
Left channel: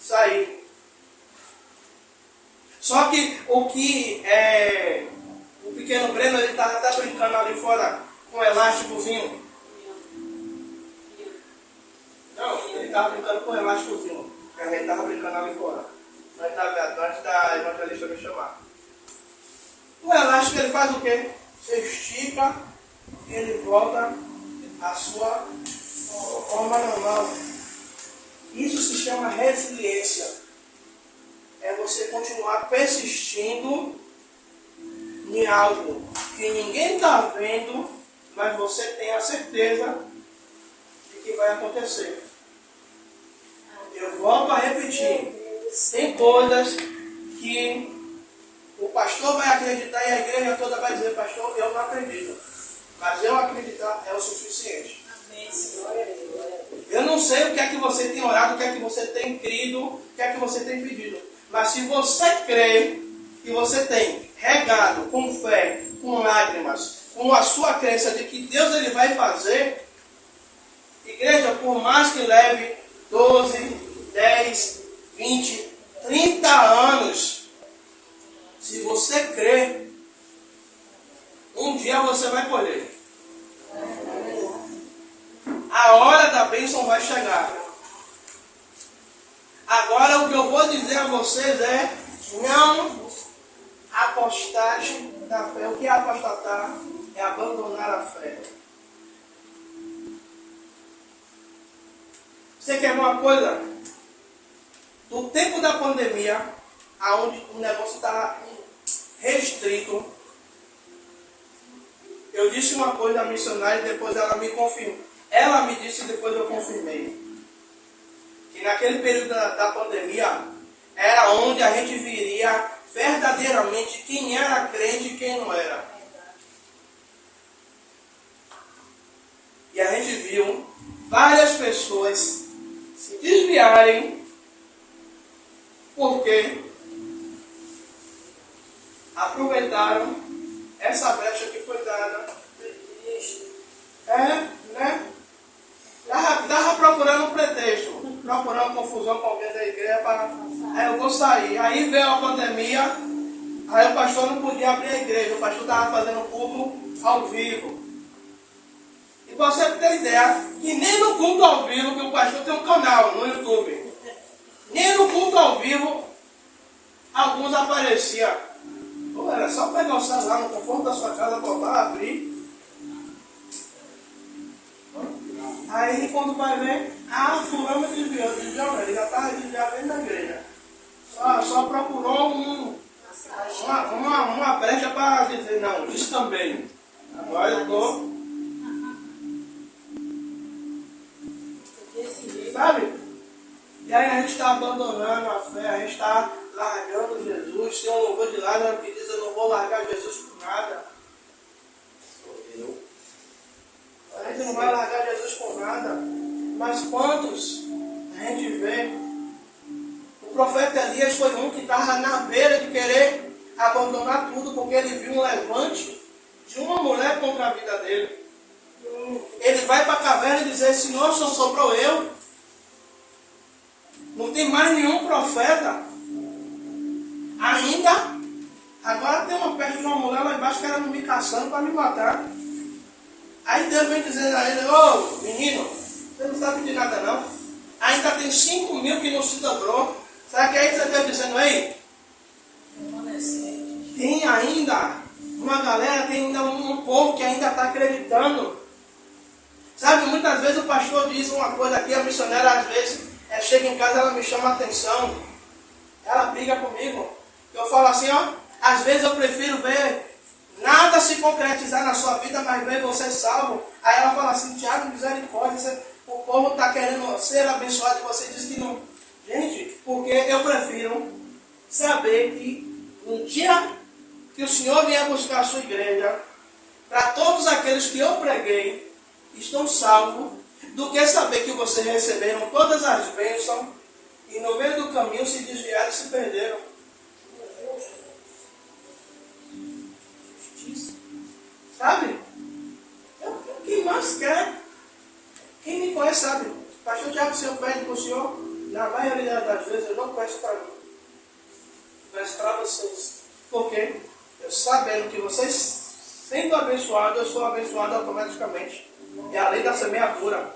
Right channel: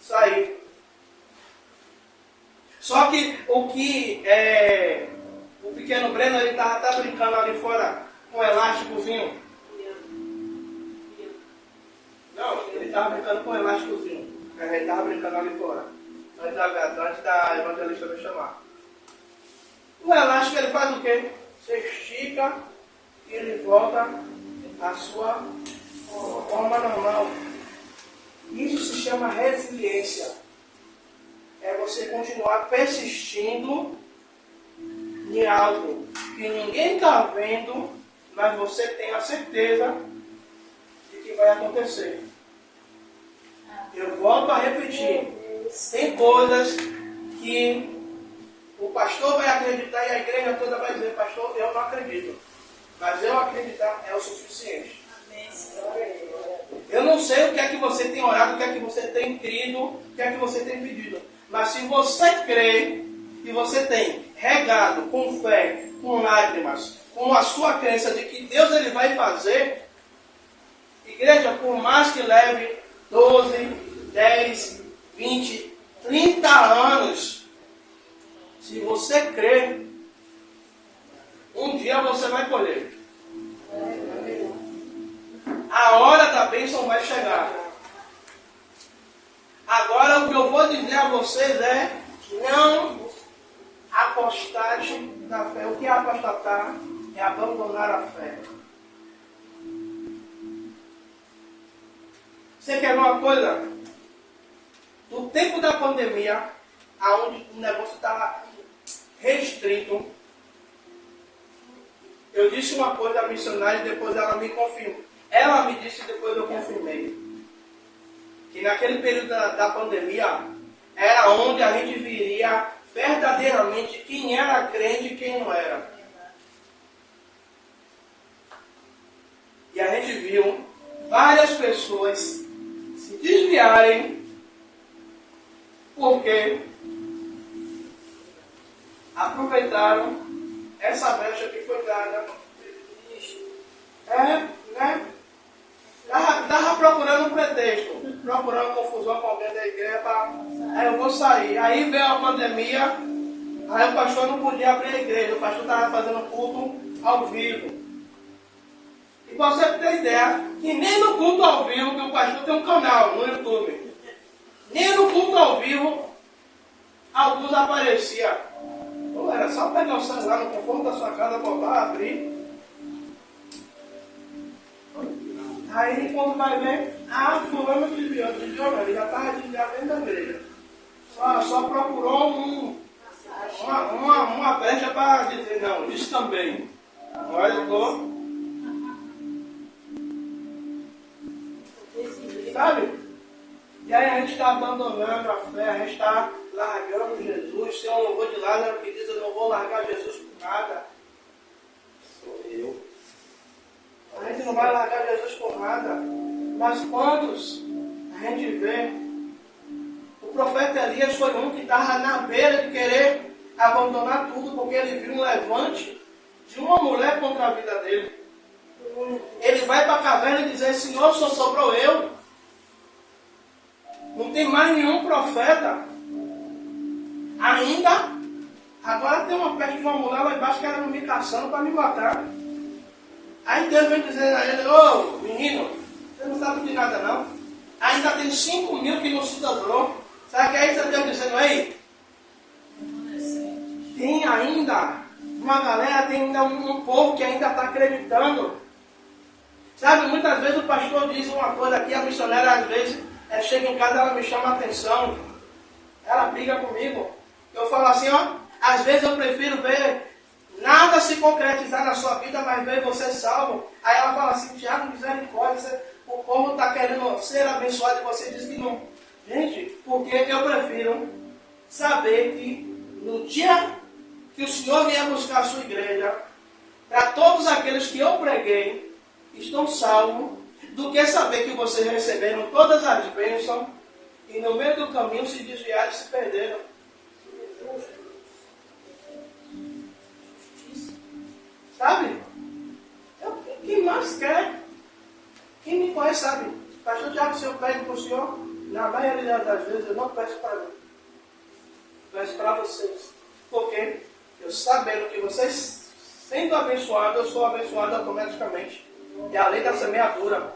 sair. Só que o pequeno Breno, ele estava até brincando ali fora com um elásticozinho. Não, ele estava brincando com um elásticozinho. Ele estava brincando ali fora. Antes da evangelista me chamar. O elástico, ele faz o quê? Você estica e ele volta à sua forma normal. Isso se chama resiliência. É você continuar persistindo em algo que ninguém está vendo, mas você tem a certeza de que vai acontecer. Eu volto a repetir. Tem coisas que o pastor vai acreditar e a igreja toda vai dizer: pastor, eu não acredito. Mas eu acreditar é o suficiente. Eu não sei o que é que você tem orado, o que é que você tem crido, o que é que você tem pedido. Mas se você crê e você tem regado com fé, com lágrimas, com a sua crença de que Deus ele vai fazer, igreja, por mais que leve 12, 10, 20, 30 anos, se você crer, um dia você vai colher. A hora da bênção vai chegar. Agora o que eu vou dizer a vocês é: não apostate da fé. O que é apostatar? É abandonar a fé. Você quer uma coisa? No tempo da pandemia, aonde o negócio estava restrito, eu disse uma coisa à missionária e depois ela me confirmou. Ela me disse e depois eu confirmei. Que naquele período da pandemia, era onde a gente viria verdadeiramente quem era crente e quem não era. viu várias pessoas se desviarem porque aproveitaram essa brecha que foi dada. Né? Estava procurando um pretexto, procurando confusão com alguém da igreja, aí eu vou sair. Aí veio a pandemia, aí o pastor não podia abrir a igreja, o pastor estava fazendo culto ao vivo. E você ter ideia que nem no culto ao vivo, que o pastor tem um canal no YouTube, nem no culto ao vivo, alguns apareciam. Ou era só pegar o celular no conforto da sua casa, botar, abrir. Aí quando vai ver, fulano desviou, ele já estava desviado dentro da igreja. Só procurou uma brecha para dizer, não, isso também. Agora eu estou. Sabe? E aí a gente está abandonando a fé, a gente está largando Jesus. Tem um louvor de Lázaro que diz, eu não vou largar Jesus por nada. Sou eu. A gente não vai largar Jesus por nada. Mas quantos a gente vê? O profeta Elias foi um que estava na beira de querer abandonar tudo, porque ele viu um levante de uma mulher contra a vida dele. Ele vai para a caverna e diz, Senhor, só sobrou eu. Não tem mais nenhum profeta. Ainda. Agora tem uma peste de uma mulher lá embaixo querendo me caçando para me matar. Aí Deus vem dizer a ele, ô menino, você não sabe de nada não. Ainda tem 5.000 que não se dobrou. Sabe que aí Deus dizendo, ei, tem ainda uma galera, tem ainda um povo que ainda está acreditando. Sabe, muitas vezes o pastor diz uma coisa aqui, a missionária às vezes chega em casa, ela me chama a atenção, ela briga comigo. Eu falo assim, às vezes eu prefiro ver nada se concretizar na sua vida, mas ver você salvo. Aí ela fala assim, Tiago, misericórdia, o povo está querendo ser abençoado e você diz que não. Gente, porque eu prefiro saber que no dia que o Senhor vier buscar a sua igreja, para todos aqueles que eu preguei, estão salvos, do que saber que vocês receberam todas as bênçãos e no meio do caminho se desviaram e se perderam. Sabe? Quem mais quer? Quem me conhece sabe. Pastor Tiago, se eu pede para o Senhor, na maioria das vezes eu não peço para mim. Eu peço para vocês. Por quê? Eu sabendo que vocês, sendo abençoados, eu sou abençoado automaticamente. E além da semeadura.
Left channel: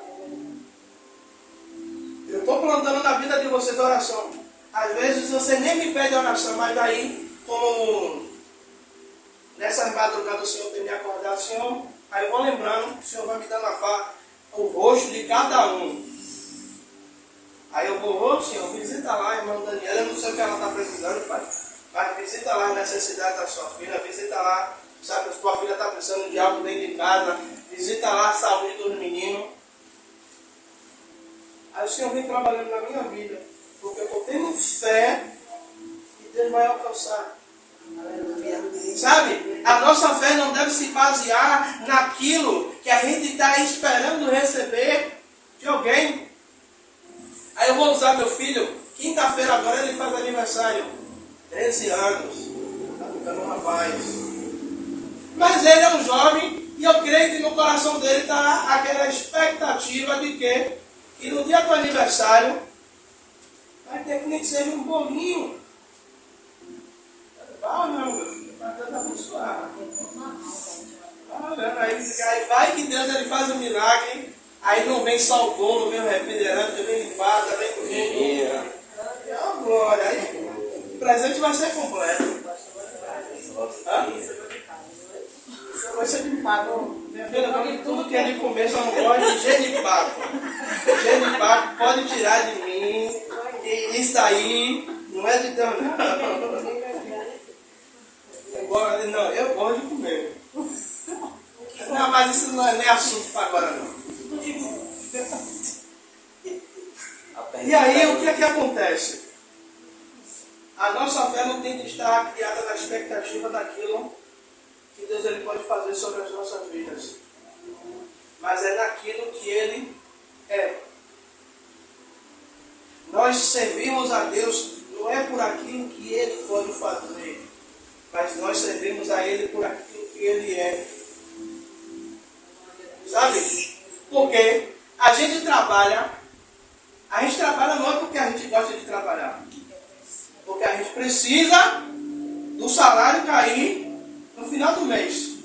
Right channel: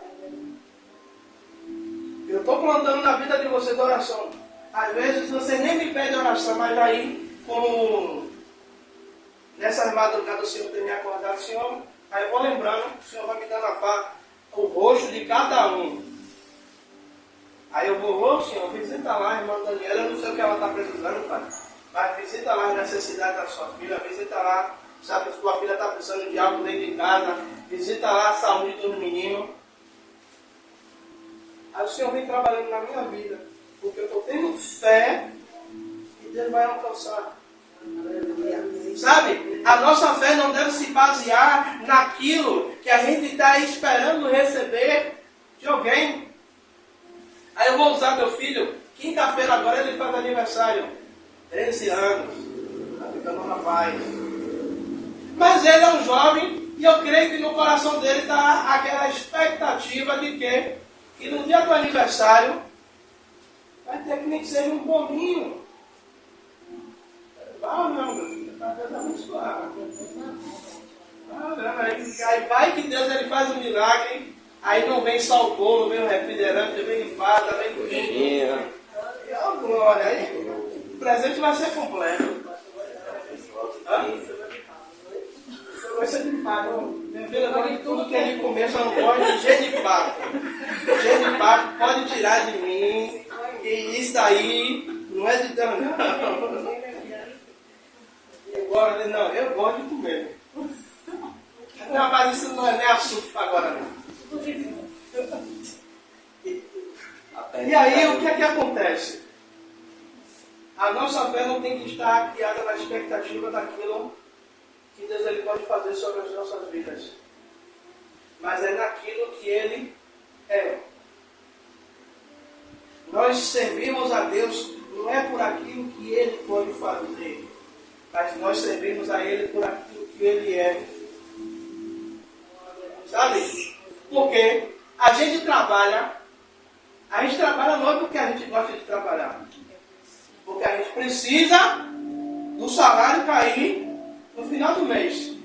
Eu estou plantando na vida de vocês oração. Às vezes você nem me pede oração, mas aí, como nessas madrugadas o Senhor tem me acordado, Senhor, aí eu vou lembrando, o Senhor vai me dando o rosto de cada um. Aí eu vou, Senhor, visita lá a irmã Daniela, eu não sei o que ela está precisando, Pai. Mas visita lá as necessidades da sua filha, visita lá, sabe, que sua filha está precisando de algo dentro de casa, visita lá a saúde dos meninos. Aí o Senhor vem trabalhando na minha vida, porque eu estou tendo fé que Deus vai alcançar. Sabe, a nossa fé não deve se basear naquilo que a gente está esperando receber de alguém. Aí eu vou usar meu filho, quinta-feira agora ele faz aniversário, 13 anos, está ficando um rapaz. Mas ele é um jovem e eu creio que no coração dele está aquela expectativa de que no dia do aniversário vai ter que nem que seja um bolinho. Ah, não, meu filho, para Deus abençoar. Aí vai que Deus ele faz um milagre, aí não vem só o bolo, vem o refrigerante, vem empada, vem tudo. Oh, glória, aí o presente vai ser completo. Vai ser de pago. Minha filha, agora tudo que é de comer só não pode genipapo. Genipapo pode tirar de mim. Que isso aí não é de Deus, não. Eu gosto de comer. Não, mas isso não é nem assunto para agora, não. E aí, o que é que acontece? A nossa fé não tem que estar criada na expectativa daquilo que Deus ele pode fazer sobre as nossas vidas. Mas mas é naquilo que Ele é. Nós servimos a Deus não é por aquilo que Ele pode fazer, mas nós servimos a Ele por aquilo que Ele é. Sabe? Porque a gente trabalha não é porque a gente gosta de trabalhar, porque a gente precisa do salário cair no final do mês.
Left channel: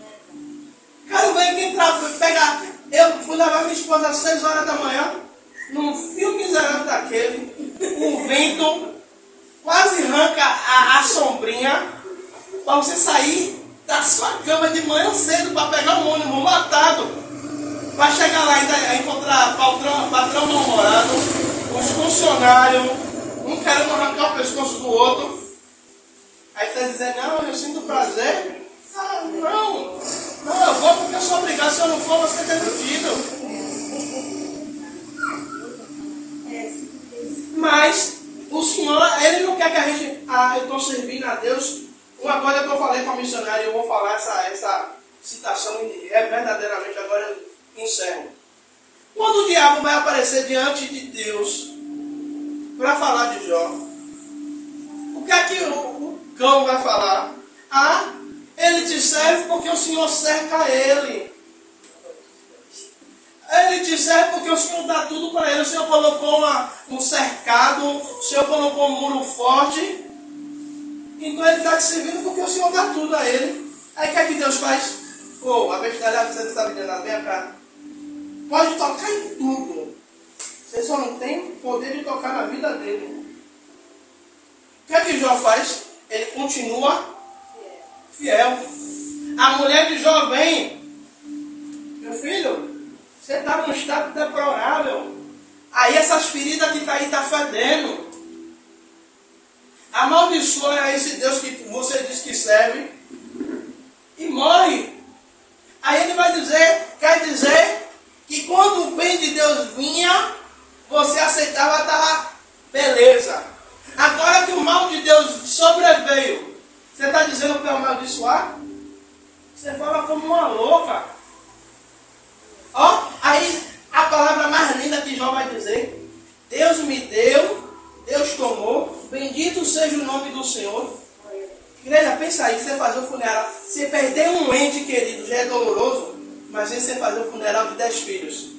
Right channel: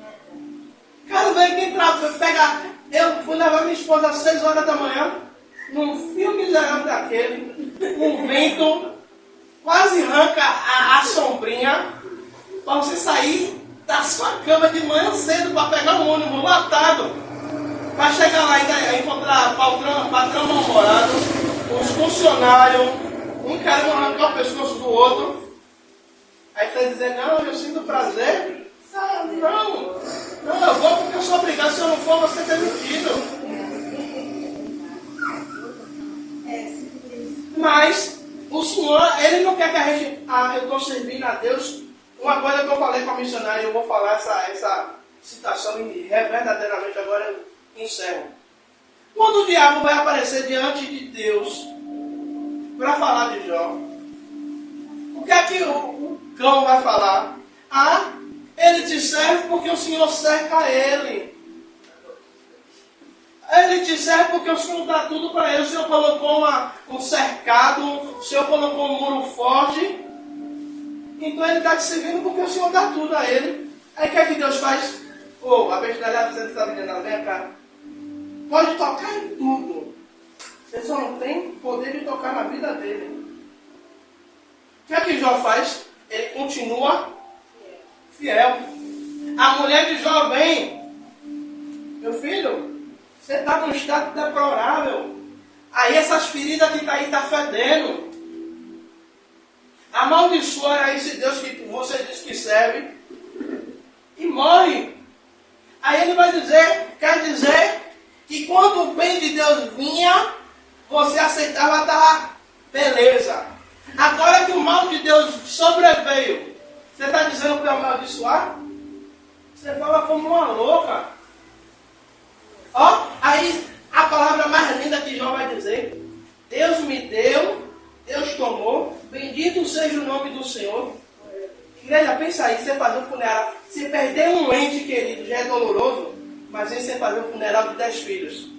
Quero ver quem pega. Eu fui levar minha esposa às 6 horas da manhã, num fio miserável daquele, um vento, quase arranca a sombrinha, para você sair da sua cama de manhã cedo para pegar um ônibus lotado, para chegar lá e encontrar patrão mal-humorado, os funcionários, um querendo arrancar o pescoço do outro. Aí você dizer, não, eu sinto prazer. Ah, não, eu vou porque eu sou obrigado, se eu não for, você é demitido. Mas o Senhor, Ele não quer que a gente, eu estou servindo a Deus. Uma coisa que eu falei para a missionária, eu vou falar essa citação e verdadeiramente agora eu encerro. Quando o diabo vai aparecer diante de Deus para falar de Jó, o que é que o cão vai falar? Ah, ele te serve porque o Senhor cerca ele. Ele te serve porque o Senhor dá tudo para ele. O Senhor colocou um cercado, o Senhor colocou um muro forte. Então ele está te servindo porque o Senhor dá tudo a ele. Aí o que é que Deus faz? A bestialidade você está vendendo, vem cá. Pode tocar em tudo. Você só não tem poder de tocar na vida dele. O que é que Jó faz? Ele continua fiel. A mulher de Jó vem. Meu filho, você está num estado deplorável. Aí essas feridas que está aí está fedendo. Amaldiçoa esse Deus que você diz que serve e morre. Aí ele vai dizer, quer dizer que quando o bem de Deus vinha, você aceitava, tá, beleza. Agora que o mal de Deus sobreveio, você está dizendo para eu amaldiçoar? Você fala como uma louca. Aí a palavra mais linda que Jó vai dizer: Deus me deu, Deus tomou, bendito seja o nome do Senhor. Igreja, pensa aí, você fazer um funeral, você perder um ente querido já é doloroso, mas aí você fazer um funeral de 10 filhos.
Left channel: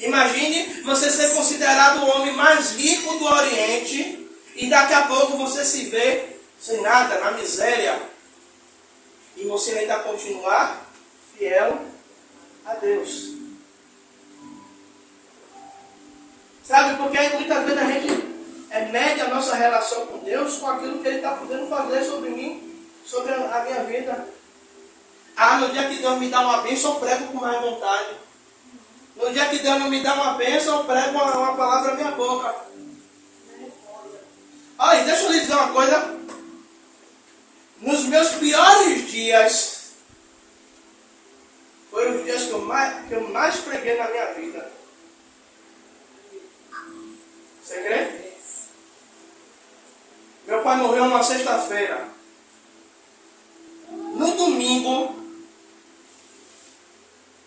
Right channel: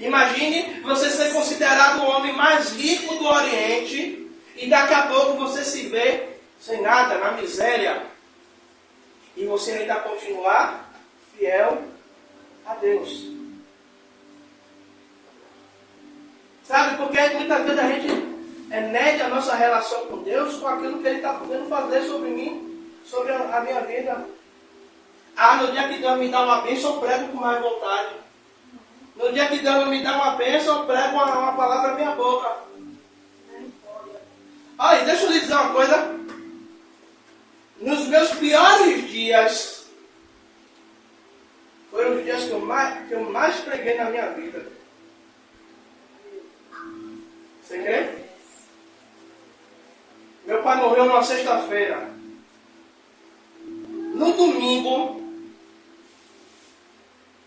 Imagine você ser considerado o homem mais rico do Oriente e daqui a pouco você se vê sem nada, na miséria. E você ainda continuar fiel a Deus. Sabe, porque muitas vezes a gente mede a nossa relação com Deus com aquilo que Ele está podendo fazer sobre mim, sobre a minha vida. No dia que Deus me dá uma bênção, eu prego com mais vontade. No dia que Deus não me dá uma bênção, eu prego uma palavra na minha boca. Olha, deixa eu lhe dizer uma coisa. Nos meus piores dias, foram os dias que eu mais preguei na minha vida. Você crê? Meu pai morreu numa sexta-feira. No domingo,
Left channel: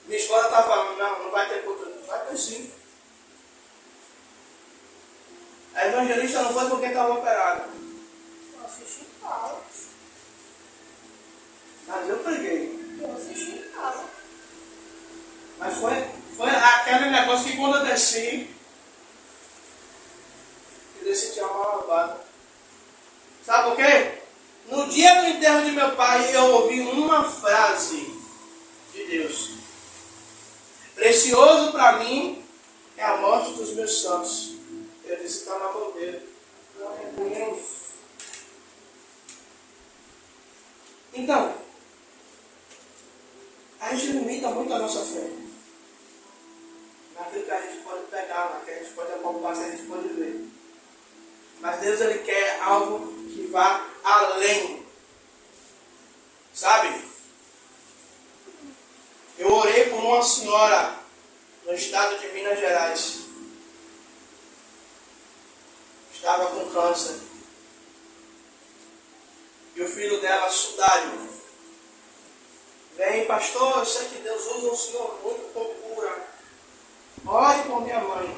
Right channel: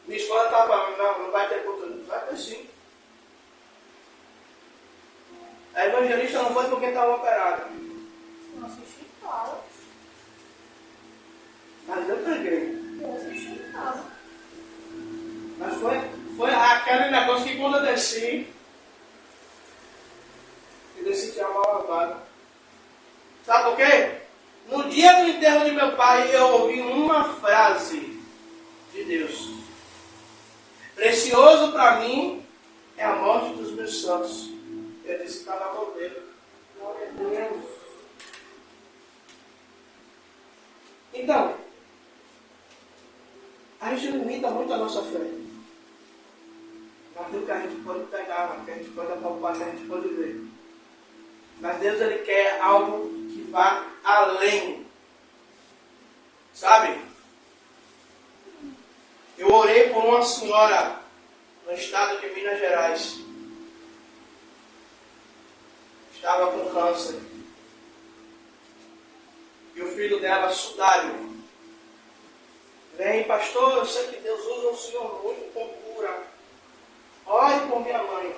minha esposa estava falando, não vai ter culto. Vai ter sim. A evangelista não foi porque estava operada. Eu assisti em casa. Mas eu preguei. Eu assisti em casa. Mas foi aquele negócio que quando eu desci, tinha uma lavada. Sabe por quê? No dia do enterro de meu pai, eu ouvi uma frase de Deus: precioso para mim é a morte dos meus santos. Eu disse, está na mão dele. Glória a Deus. Então, a gente limita muito a nossa fé naquilo que a gente pode pegar, naquilo que a gente pode apalpar, que a gente pode ver. Mas Deus, Ele quer algo que vá além. Sabe? Eu orei por uma senhora no estado de Minas Gerais. Estava com câncer. E o filho dela, sudário, Vem, pastor, eu sei que Deus usa o Senhor muito com cura. Ore por minha mãe.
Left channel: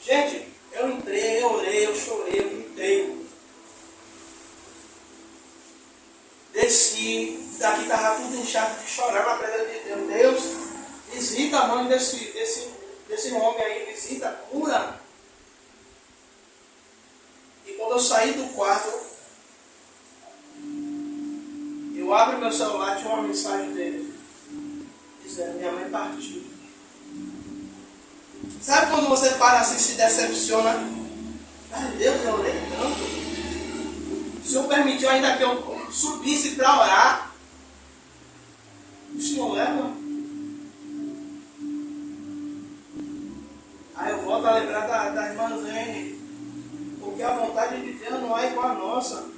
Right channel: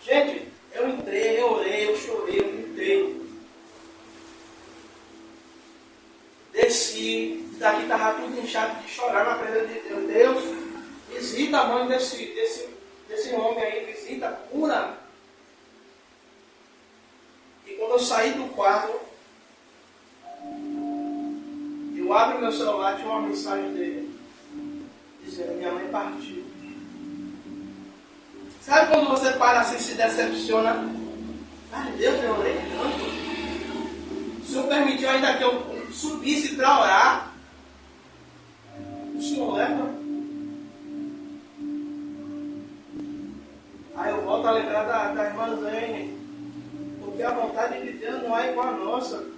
Gente, eu entrei, eu orei, eu chorei, eu gritei. Desci, daqui estava tudo inchado de chorar na presença de Deus. Deus, visita a mãe desse homem aí, visita, cura. E quando eu saí do quarto, eu abro meu celular, tinha uma mensagem dele, dizendo, minha mãe partiu. Sabe quando você para assim e se decepciona? Ai Deus, eu orei tanto. O Senhor permitiu ainda que eu subisse para orar. O Senhor leva. Aí eu volto a lembrar da irmã Zene. Porque a vontade de Deus não é igual a nossa.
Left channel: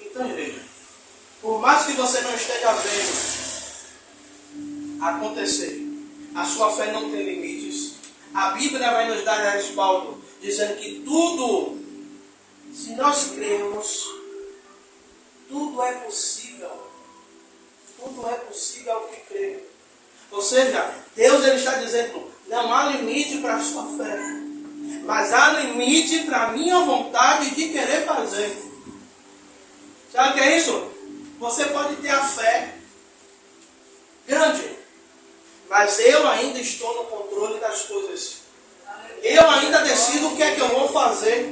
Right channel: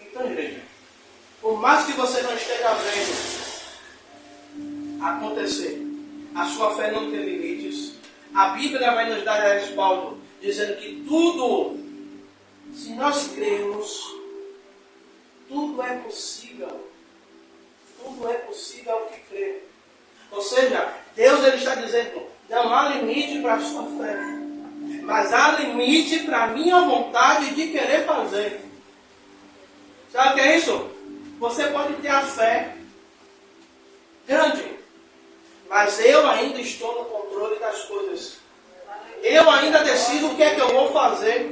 Então, igreja, por mais que você não esteja vendo acontecer, a sua fé não tem limites. A Bíblia vai nos dar respaldo, dizendo que tudo, se nós crermos, tudo é possível. Tudo é possível ao que crer. Ou seja, Deus ele está dizendo, não há limite para a sua fé, mas há limite para a minha vontade de querer fazer. Sabe o que é isso? Você pode ter a fé grande, mas eu ainda estou no controle das coisas. Eu ainda decido o que é que eu vou fazer.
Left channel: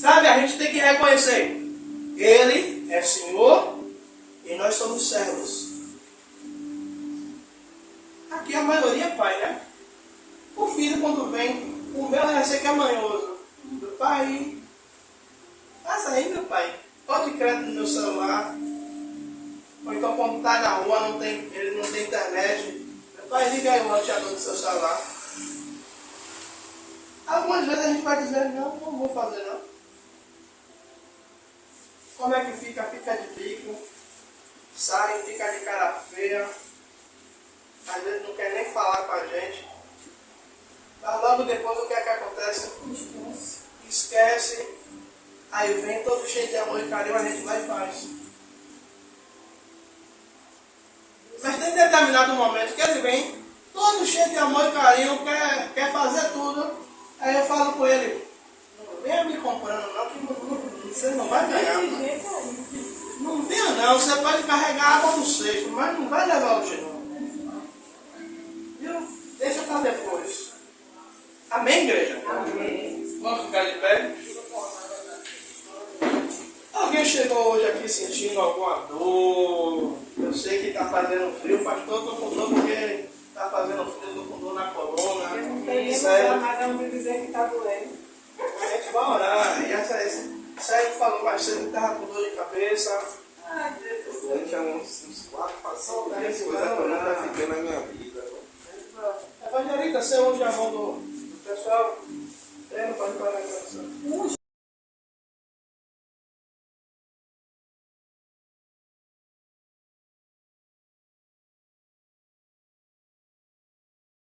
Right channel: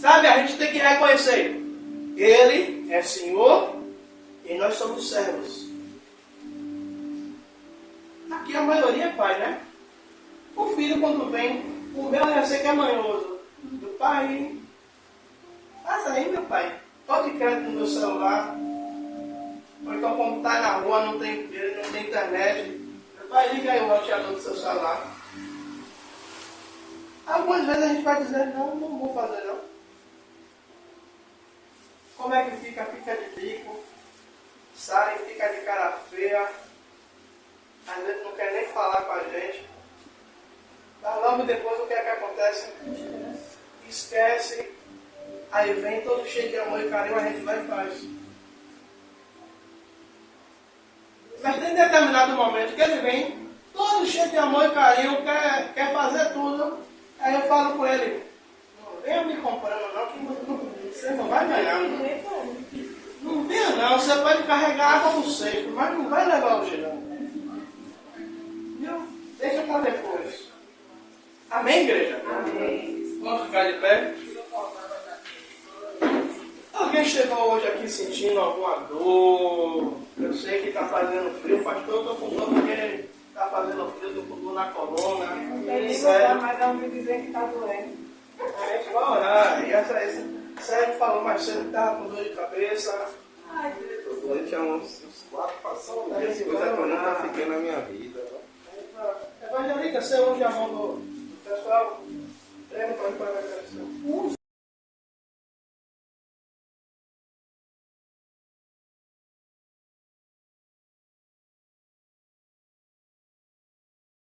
Sabe, a gente tem que reconhecer. Ele é Senhor e nós somos servos. Aqui a maioria é pai, né? O filho quando vem, o meu já sei que é manhoso. Meu pai, faça aí meu pai. Pode crédito no meu celular. Ou então quando está na rua, ele não tem internet. Meu pai, liga aí o roteador do seu celular. Algumas vezes a gente vai dizer, não vou fazer não. Como é que fica? Fica de bico. Sai, fica de cara feia. Às vezes não quer nem falar com a gente. Mas logo depois o que é que acontece? Esquece. Aí vem todo cheio de amor e carinho, a gente vai e faz. Mas tem determinado momento que ele vem todo cheio de amor e carinho, quer fazer tudo. Aí eu falo com ele, não venha me comprando não, que você não vai ganhar. Não venha não, você pode carregar água no cesto, mas não vai levar hoje não. Viu? Deixa para depois. Amém, igreja? Amém. Vamos ficar de pé? Alguém chegou hoje aqui sentindo alguma dor? Eu sei que está fazendo frio, pastor, estou com dor porque está fazendo frio, estou com dor na coluna. Sério. Mas não me dizer que está doendo. A gente vai orar. E Sérgio falou mais cedo que estava com dor de cabeça. Ai, Deus. Eu tinha uns 4 passados, essa coisa quando está ficando na minha vida. Evangelista, você hoje a mão do pessoal? Prêmio para a